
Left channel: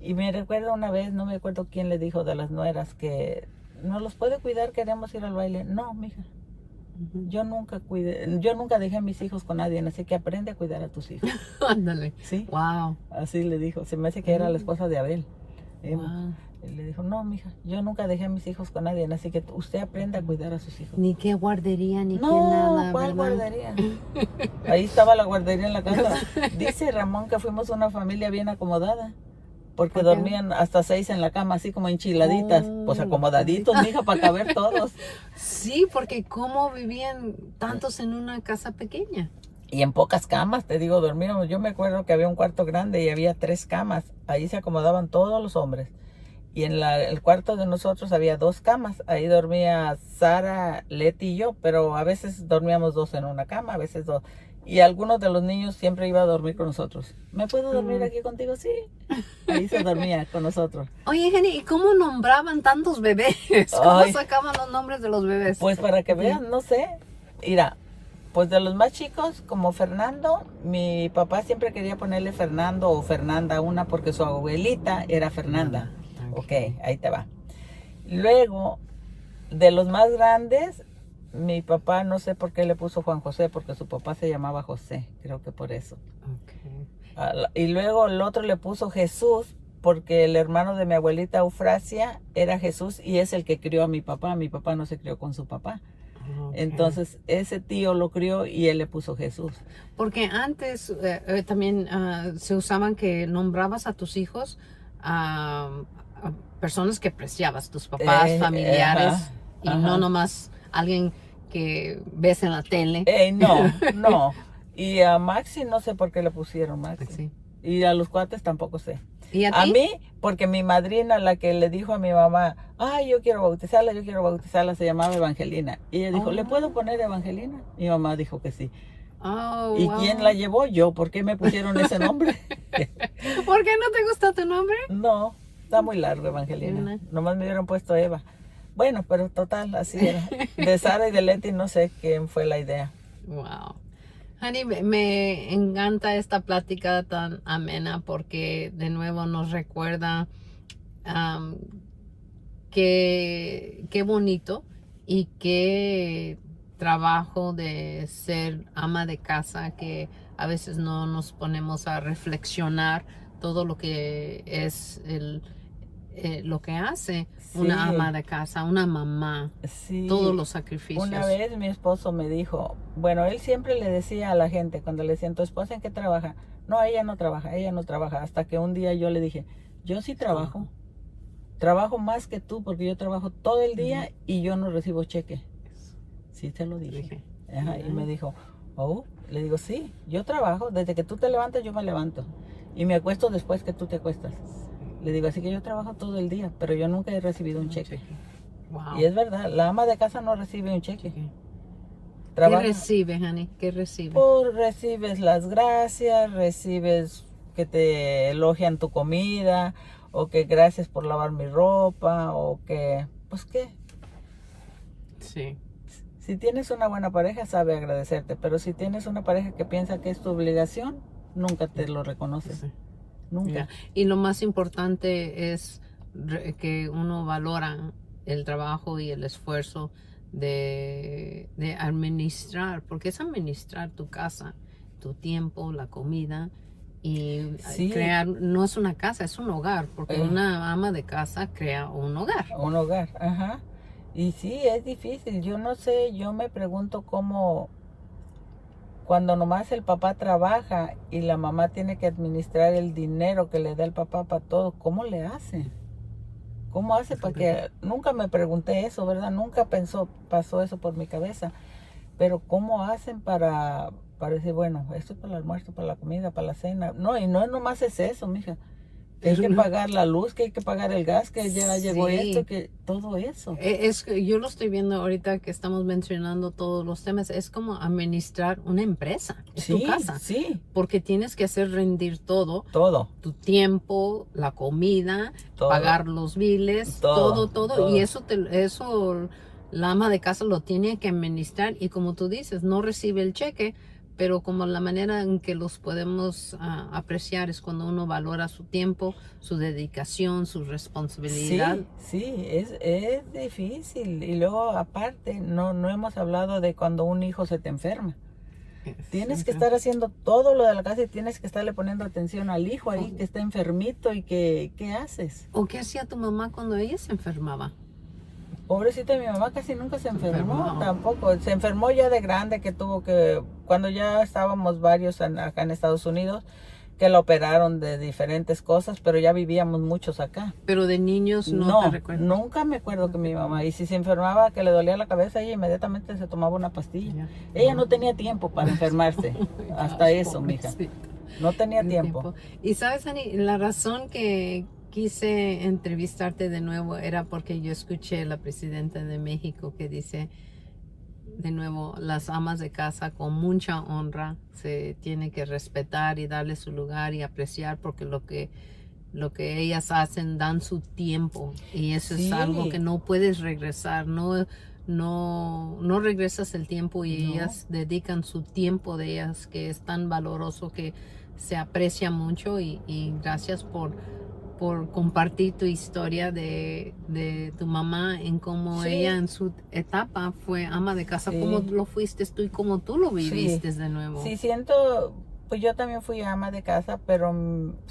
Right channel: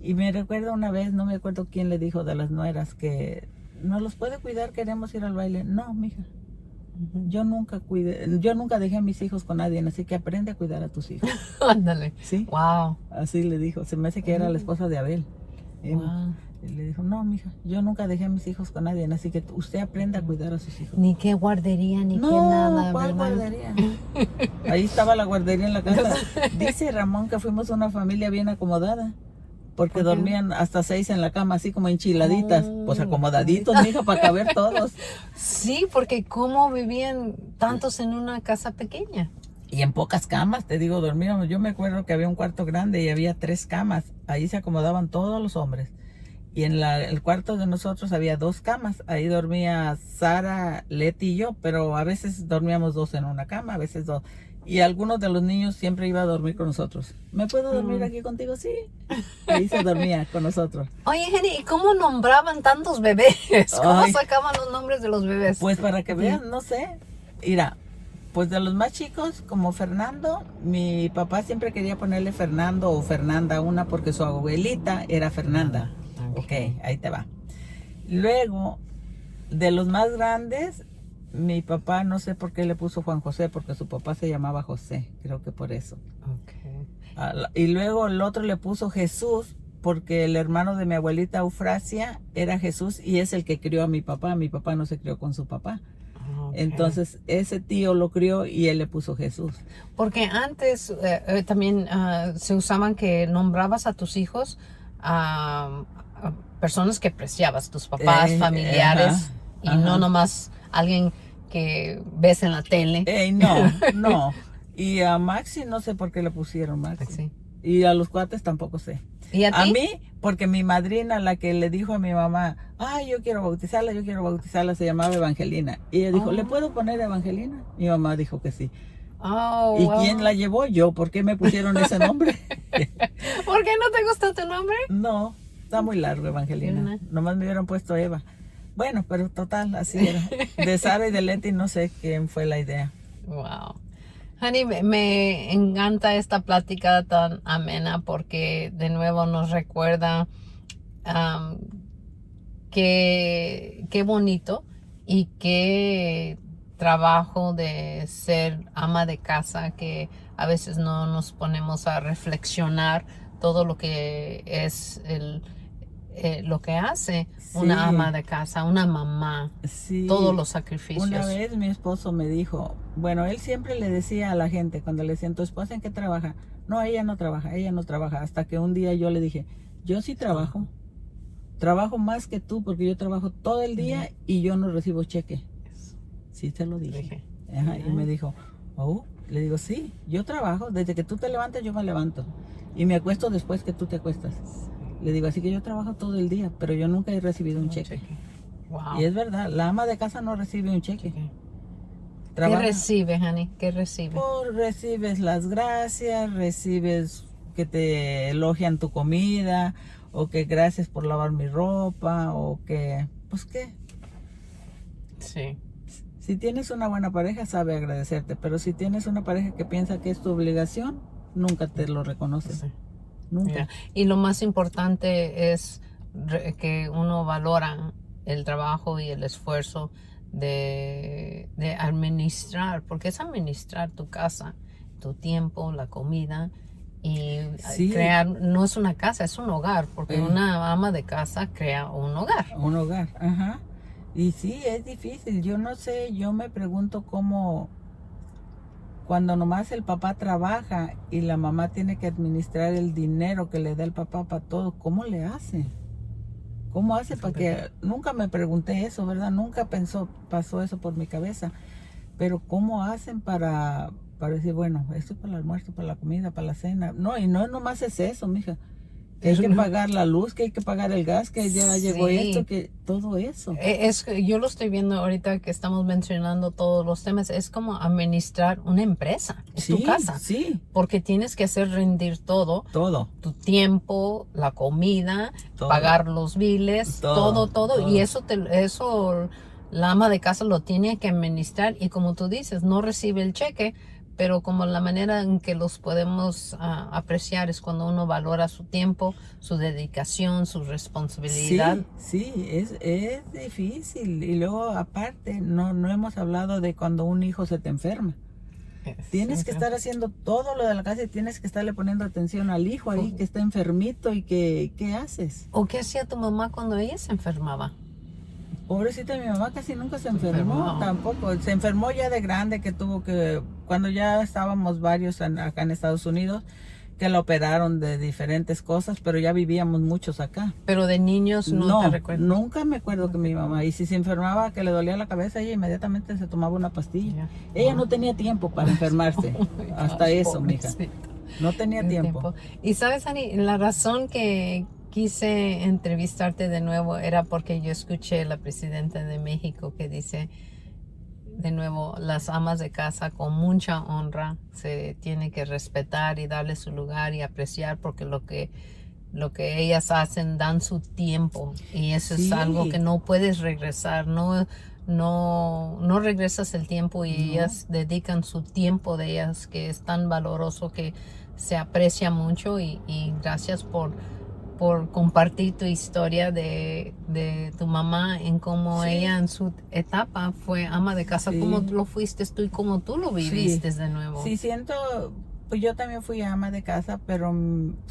Y me recuerdo una vez, no me acuerdo quién le dijo de las nueras que no los puede cuidar, queremos ir al baile. No, mija. Yo nunca dejé a mis hijos con nadie, así que aprende a cuidar a tus hijos. Ándale. Sí. Wow. Así le dijo. Se me hace que era la esposa de Abel. Wow. Y le dijo, no, mija, yo nunca dejé a mis hijos con nadie, así que usted aprenda a cuidar a sus hijos. Ni qué guardería, ni no, qué nada, ¿cuál ¿verdad? guardería? Ahí estaba la guardería en la casa. Dice Ramón que fuimos una familia bien acomodada. Porque dormían hasta 6 en la cama, así como enchiladitas. Pues acomodaditos, mija, para caber todos. Sí, porque ¿cómo vivían tantos en una casa pequeña? Y en pocas camas, te digo, dormíamos. Yo me acuerdo que había un cuarto grande y había 3 camas. Ahí se acomodaban todos los hombres. Y en el cuarto de nosotros había 2 camas. Ahí dormía Sara, Leti y yo, pero a veces dormíamos 2 en una cama, a veces 2. Y algunos de los niños siempre iba a dormir con nosotros. ¿Me puedo dormir aquí contigo? Sí. Ahí se dormía con nosotros. Oye, Jenny, ¿y cómo nombraban tantos bebés? ¿Cómo Ay. sacaban los nombres de los bebés? Pues para que vean, no sé. Mira, pues de los más chicos, como Fernando, mi papá siempre quería ponerle Fernando o Fernanda una porque su abuelita era Fernanda. Ok, ahí te va. Luego, de los más grandes, mi papá no sé por qué le puso Juan José, porque su papá se llamaba José, creo que por eso. Y luego el otro le puso Jesús, porque el hermano de mi abuelita Eufrasia era Jesús y es el que crió a mi papá. Mi papá no se crió con su papá. Entonces ese tío lo crió y él le puso Jesús. Porque antes también se usaban que nombrabas a tus hijos a personas que apreciabas, tus papás, familiares, y no nomás alguien que ves en la tele. No. Y a Maxi no sé por qué le pusieron Maxi. Sí. Y a los cuates tampoco sé. ¿Y a ti? A mí, porque mi madrina, la que le dijo a mi mamá, ay, yo quiero bautizarla, se llamaba Evangelina. Y ella dijo, ¿le puedo poner Evangelina? Mi mamá dijo que sí. ¿Y quién la llevó? Yo. ¿Por qué me pusieron ese nombre? ¿Por qué no te gusta tu nombre? No, está muy largo Evangelina. Nomás me hubieran puesto Eva. Bueno, pero total, así era. De Sara y de Leti no sé quién fue la idea. Wow. Honey, me encanta esta plática tan amena porque de nuevo nos recuerda qué bonito y qué trabajo de ser ama de casa, que a veces no nos ponemos a reflexionar todo lo que es lo que hace una ama de casa, una mamá, todos los sacrificios. Una vez mi esposo me dijo, bueno, él siempre le decía a la gente cuando le decían, ¿tu esposa en qué trabaja? No, ella no trabaja, hasta que un día yo le dije, yo sí trabajo, trabajo más que tú porque yo trabajo todo el día y yo no recibo cheque. Sí, te lo dije. Y me dijo, le digo, sí, yo trabajo, desde que tú te levantas yo me levanto y me acuesto después que tú te acuestas. Le digo, así que yo trabajo todo el día, pero yo nunca he recibido un cheque. Wow. Y es verdad, la ama de casa no recibe un cheque. ¿Qué recibe, honey? ¿Qué recibe? Pues recibes las gracias, recibes que te elogian tu comida, o que gracias por lavar mi ropa, o que, pues qué. Sí. Si tienes una buena pareja, sabe agradecerte, pero si tienes una pareja que piensa que es tu obligación, nunca te lo reconoce. Sí. Nunca. Yeah. Y lo más importante es que uno valora el trabajo y el esfuerzo de administrar, porque es administrar tu casa, tu tiempo, la comida y crear, no es una casa, es un hogar, porque una ama de casa crea un hogar. Un hogar, ajá. Y sí, es difícil, yo no sé, yo me pregunto cómo, cuando nomás el papá trabaja y la mamá tiene que administrar el dinero que le da el papá para todo, ¿cómo le hace? ¿Cómo hace para que...? Nunca me pregunté eso, ¿verdad? Nunca pasó eso por mi cabeza. Pero ¿cómo hacen para decir, bueno, esto es para el almuerzo, para la comida, para la cena? No, y no nomás es eso, mija. Que hay que pagar la luz, que hay que pagar el gas, que ya llegó esto, que todo eso. Yo lo estoy viendo ahorita que estamos mencionando todos los temas. Es como administrar una empresa. Es tu casa. Sí. Porque tienes que hacer rendir todo. Todo. Tu tiempo, la comida, pagar los biles, todo. Y eso la ama de casa lo tiene que administrar. Y como tú dices, no recibe el cheque. Pero como la manera en que los podemos apreciar es cuando uno valora su tiempo, su dedicación, su responsabilidad. Sí, es difícil. Y luego aparte, no hemos hablado de cuando un hijo se te enferma. Tienes que estar haciendo todo lo de la casa y tienes que estarle poniendo atención al hijo ahí que está enfermito y ¿qué haces? ¿O qué hacía tu mamá cuando ella se enfermaba? Pobrecita, mi mamá casi nunca se enfermó, tampoco. Se enfermó ya de grande, cuando ya estábamos varios acá en Estados Unidos, que la operaron de diferentes cosas, pero ya vivíamos muchos acá. Pero de niños no te recuerdo. Nunca me acuerdo que mi mamá, y si se enfermaba, que le dolía la cabeza, ella inmediatamente se tomaba una pastilla. Ella no tenía tiempo para enfermarse, hasta eso, mija. No tenía tiempo. Y sabes, Ani, la razón que quise entrevistarte de nuevo era porque yo escuché a la presidenta de México que dice, de nuevo, las amas de casa con mucha honra se tiene que respetar y darle su lugar y apreciar porque lo que ellas hacen dan su tiempo y eso es algo que no puedes regresar, no regresas el tiempo y ellas dedican su tiempo de ellas que es tan valoroso que se aprecia mucho y gracias por compartir tu historia de tu mamá en cómo ella en su etapa fue ama de casa, como lo fuiste tú y como tú lo viviste de nuevo. Sí, pues yo también fui ama de casa, pero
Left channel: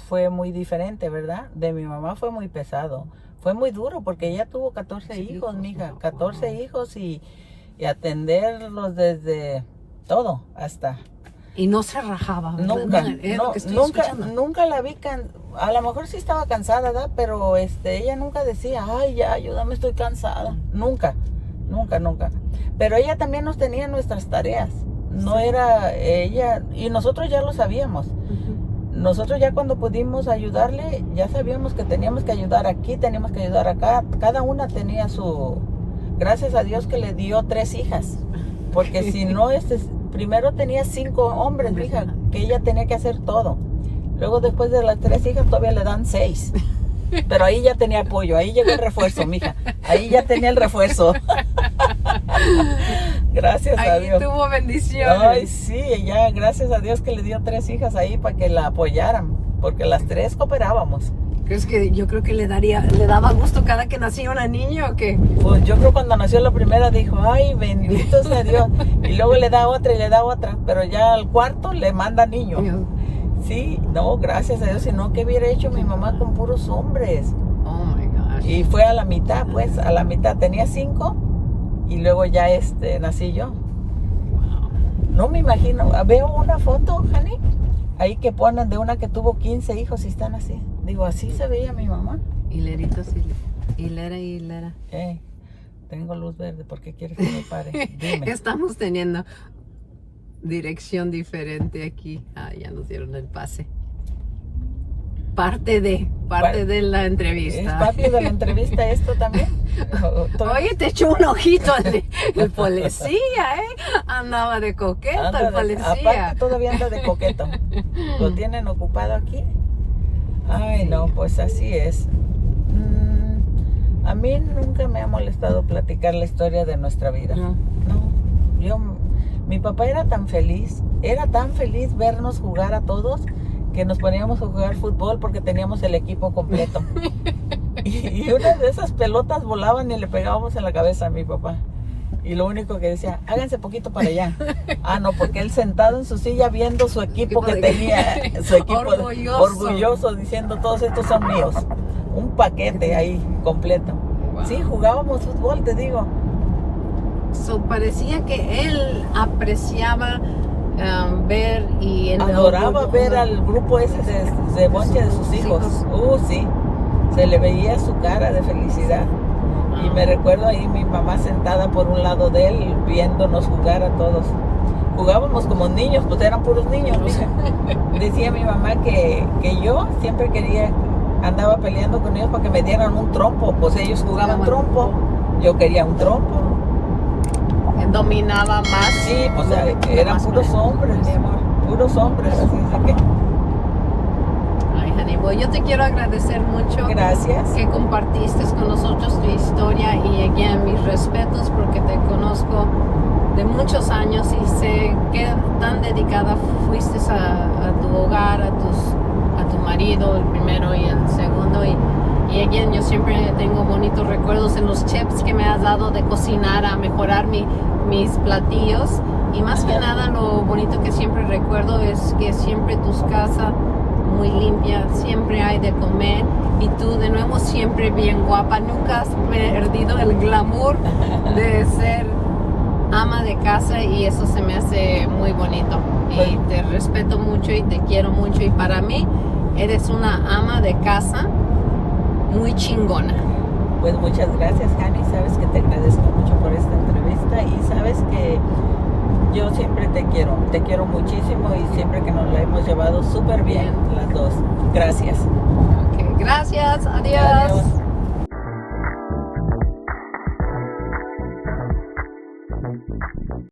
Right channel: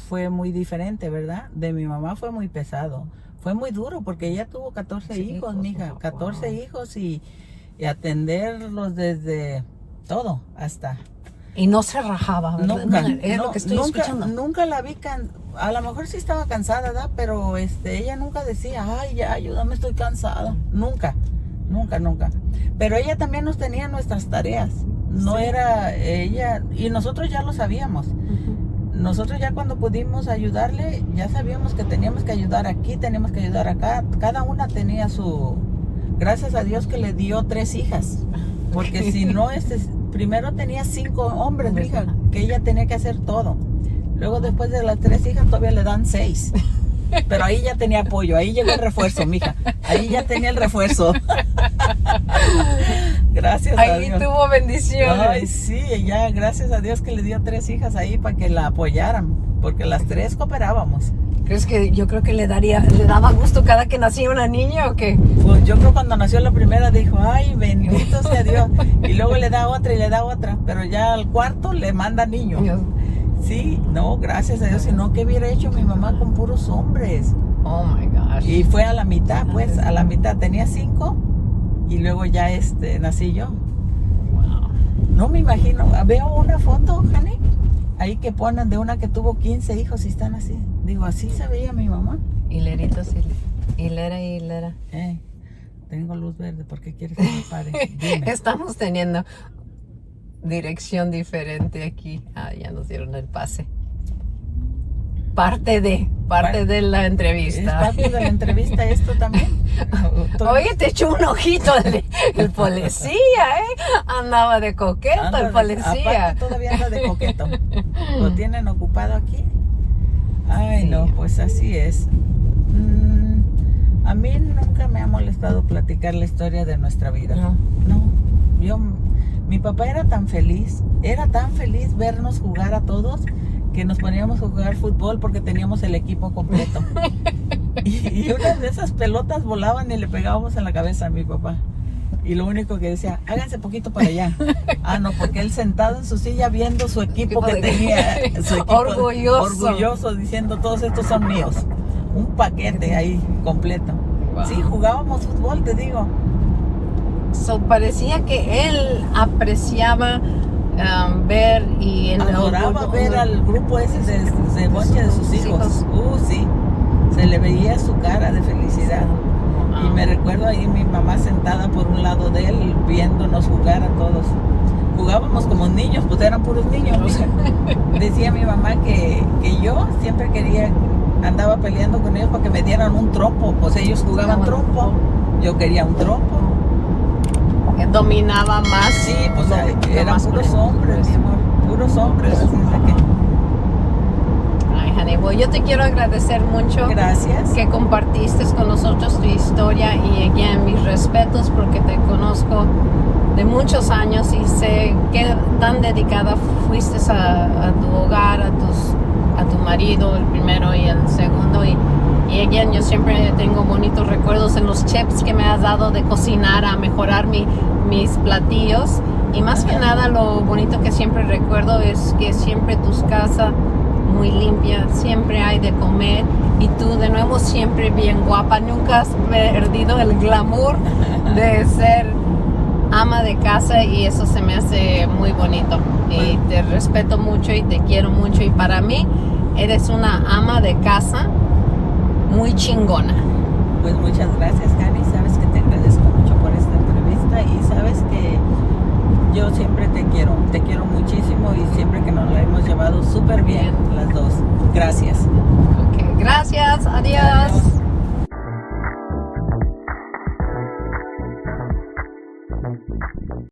fue muy diferente, ¿verdad? De mi mamá fue muy pesado, fue muy duro porque ella tuvo 14 hijos, mija, 14 hijos y atenderlos desde todo hasta... Y no se rajaba, ¿verdad? Nunca la vi a lo mejor sí estaba cansada, ¿verdad? Pero ella nunca decía, ay, ya, ayúdame, estoy cansada. Nunca. Pero ella también nos tenía nuestras tareas. No era ella, y nosotros ya lo sabíamos. Nosotros ya cuando pudimos ayudarle, ya sabíamos que teníamos que ayudar aquí, teníamos que ayudar acá. Cada una tenía su... Gracias a Dios que le dio 3 hijas. Porque si no, primero tenía 5 hombres, mija, que ella tenía que hacer todo. Luego después de las 3 hijas todavía le dan 6. Pero ahí ya tenía apoyo, ahí llegó el refuerzo, mija. Ahí ya tenía el refuerzo. Gracias a Dios. Ahí tuvo bendiciones. Ay, sí, ya gracias a Dios que le dio 3 hijas ahí para que la apoyaran. Porque las 3 cooperábamos. ¿Crees que yo creo que le daba gusto cada que nacía una niña o qué? Pues yo creo cuando nació la primera dijo, ay, bendito sea Dios. Y luego le da otra y le da otra. Pero ya al cuarto le manda niño. Sí, no, gracias a Dios. Si no, ¿qué hubiera hecho mi mamá con puros hombres? Oh my gosh. Y fue a la mitad, pues, a la mitad. Tenía 5 y luego ya nací yo. Wow. No me imagino. Veo una foto, Jani, ahí que ponen de una que tuvo 15 hijos y están así. Digo, así se veía mi mamá. Hileritos, hilera. Tengo luz verde, ¿por qué quieres que me pare? Dime. Estamos teniendo dirección diferente aquí. Ya nos dieron el pase. Parte de la entrevista. Es parte de la entrevista esto también. Oye, te echó un ojito el policía, Andaba de coqueto el policía. Aparte todavía anda de coqueto. Lo tienen ocupado aquí. Ay, no, pues así es. A mí nunca me ha molestado platicar la historia de nuestra vida. No, mi papá era tan feliz vernos jugar a todos que nos poníamos a jugar fútbol porque teníamos el equipo completo. Y una de esas pelotas volaban y le pegábamos en la cabeza a mi papá. Y lo único que decía, háganse poquito para allá. No, porque él sentado en su silla viendo su equipo que tenía, su equipo orgulloso, diciendo, todos estos son míos. Un paquete ahí completo. Wow. Sí, jugábamos fútbol, te digo. Parecía que él apreciaba ver y adoraba ver al grupo ese de boche de sus hijos. Sí, se le veía su cara de felicidad. Y me recuerdo ahí mi mamá sentada por un lado de él viéndonos jugar a todos. Jugábamos como niños, pues eran puros niños. Decía mi mamá que yo siempre andaba peleando con ellos para que me dieran un trompo. Pues ellos jugaban trompo, yo quería un trompo. Dominaba más. Sí, pues eran puros hombres, mi amor, puros hombres. Así de que... Well, yo te quiero agradecer mucho. Gracias. Que compartiste con nosotros tu historia y again, mis respetos porque te conozco de muchos años y sé que tan dedicada fuiste a tu hogar, a tu marido, el primero y el segundo y again, yo siempre tengo bonitos recuerdos en los tips que me has dado de cocinar, a mejorar mis platillos y más que nada lo bonito que siempre recuerdo es que siempre tus casas muy limpia, siempre hay de comer y tú de nuevo siempre bien guapa, nunca has perdido el glamour de ser ama de casa y eso se me hace muy bonito y te respeto mucho y te quiero mucho y para mí eres una ama de casa muy chingona. Pues muchas gracias, Jani, sabes que te agradezco mucho por esta entrevista y sabes que yo siempre te quiero muchísimo y siempre que nos la hemos llevado súper bien las dos. Gracias. Okay, gracias, adiós.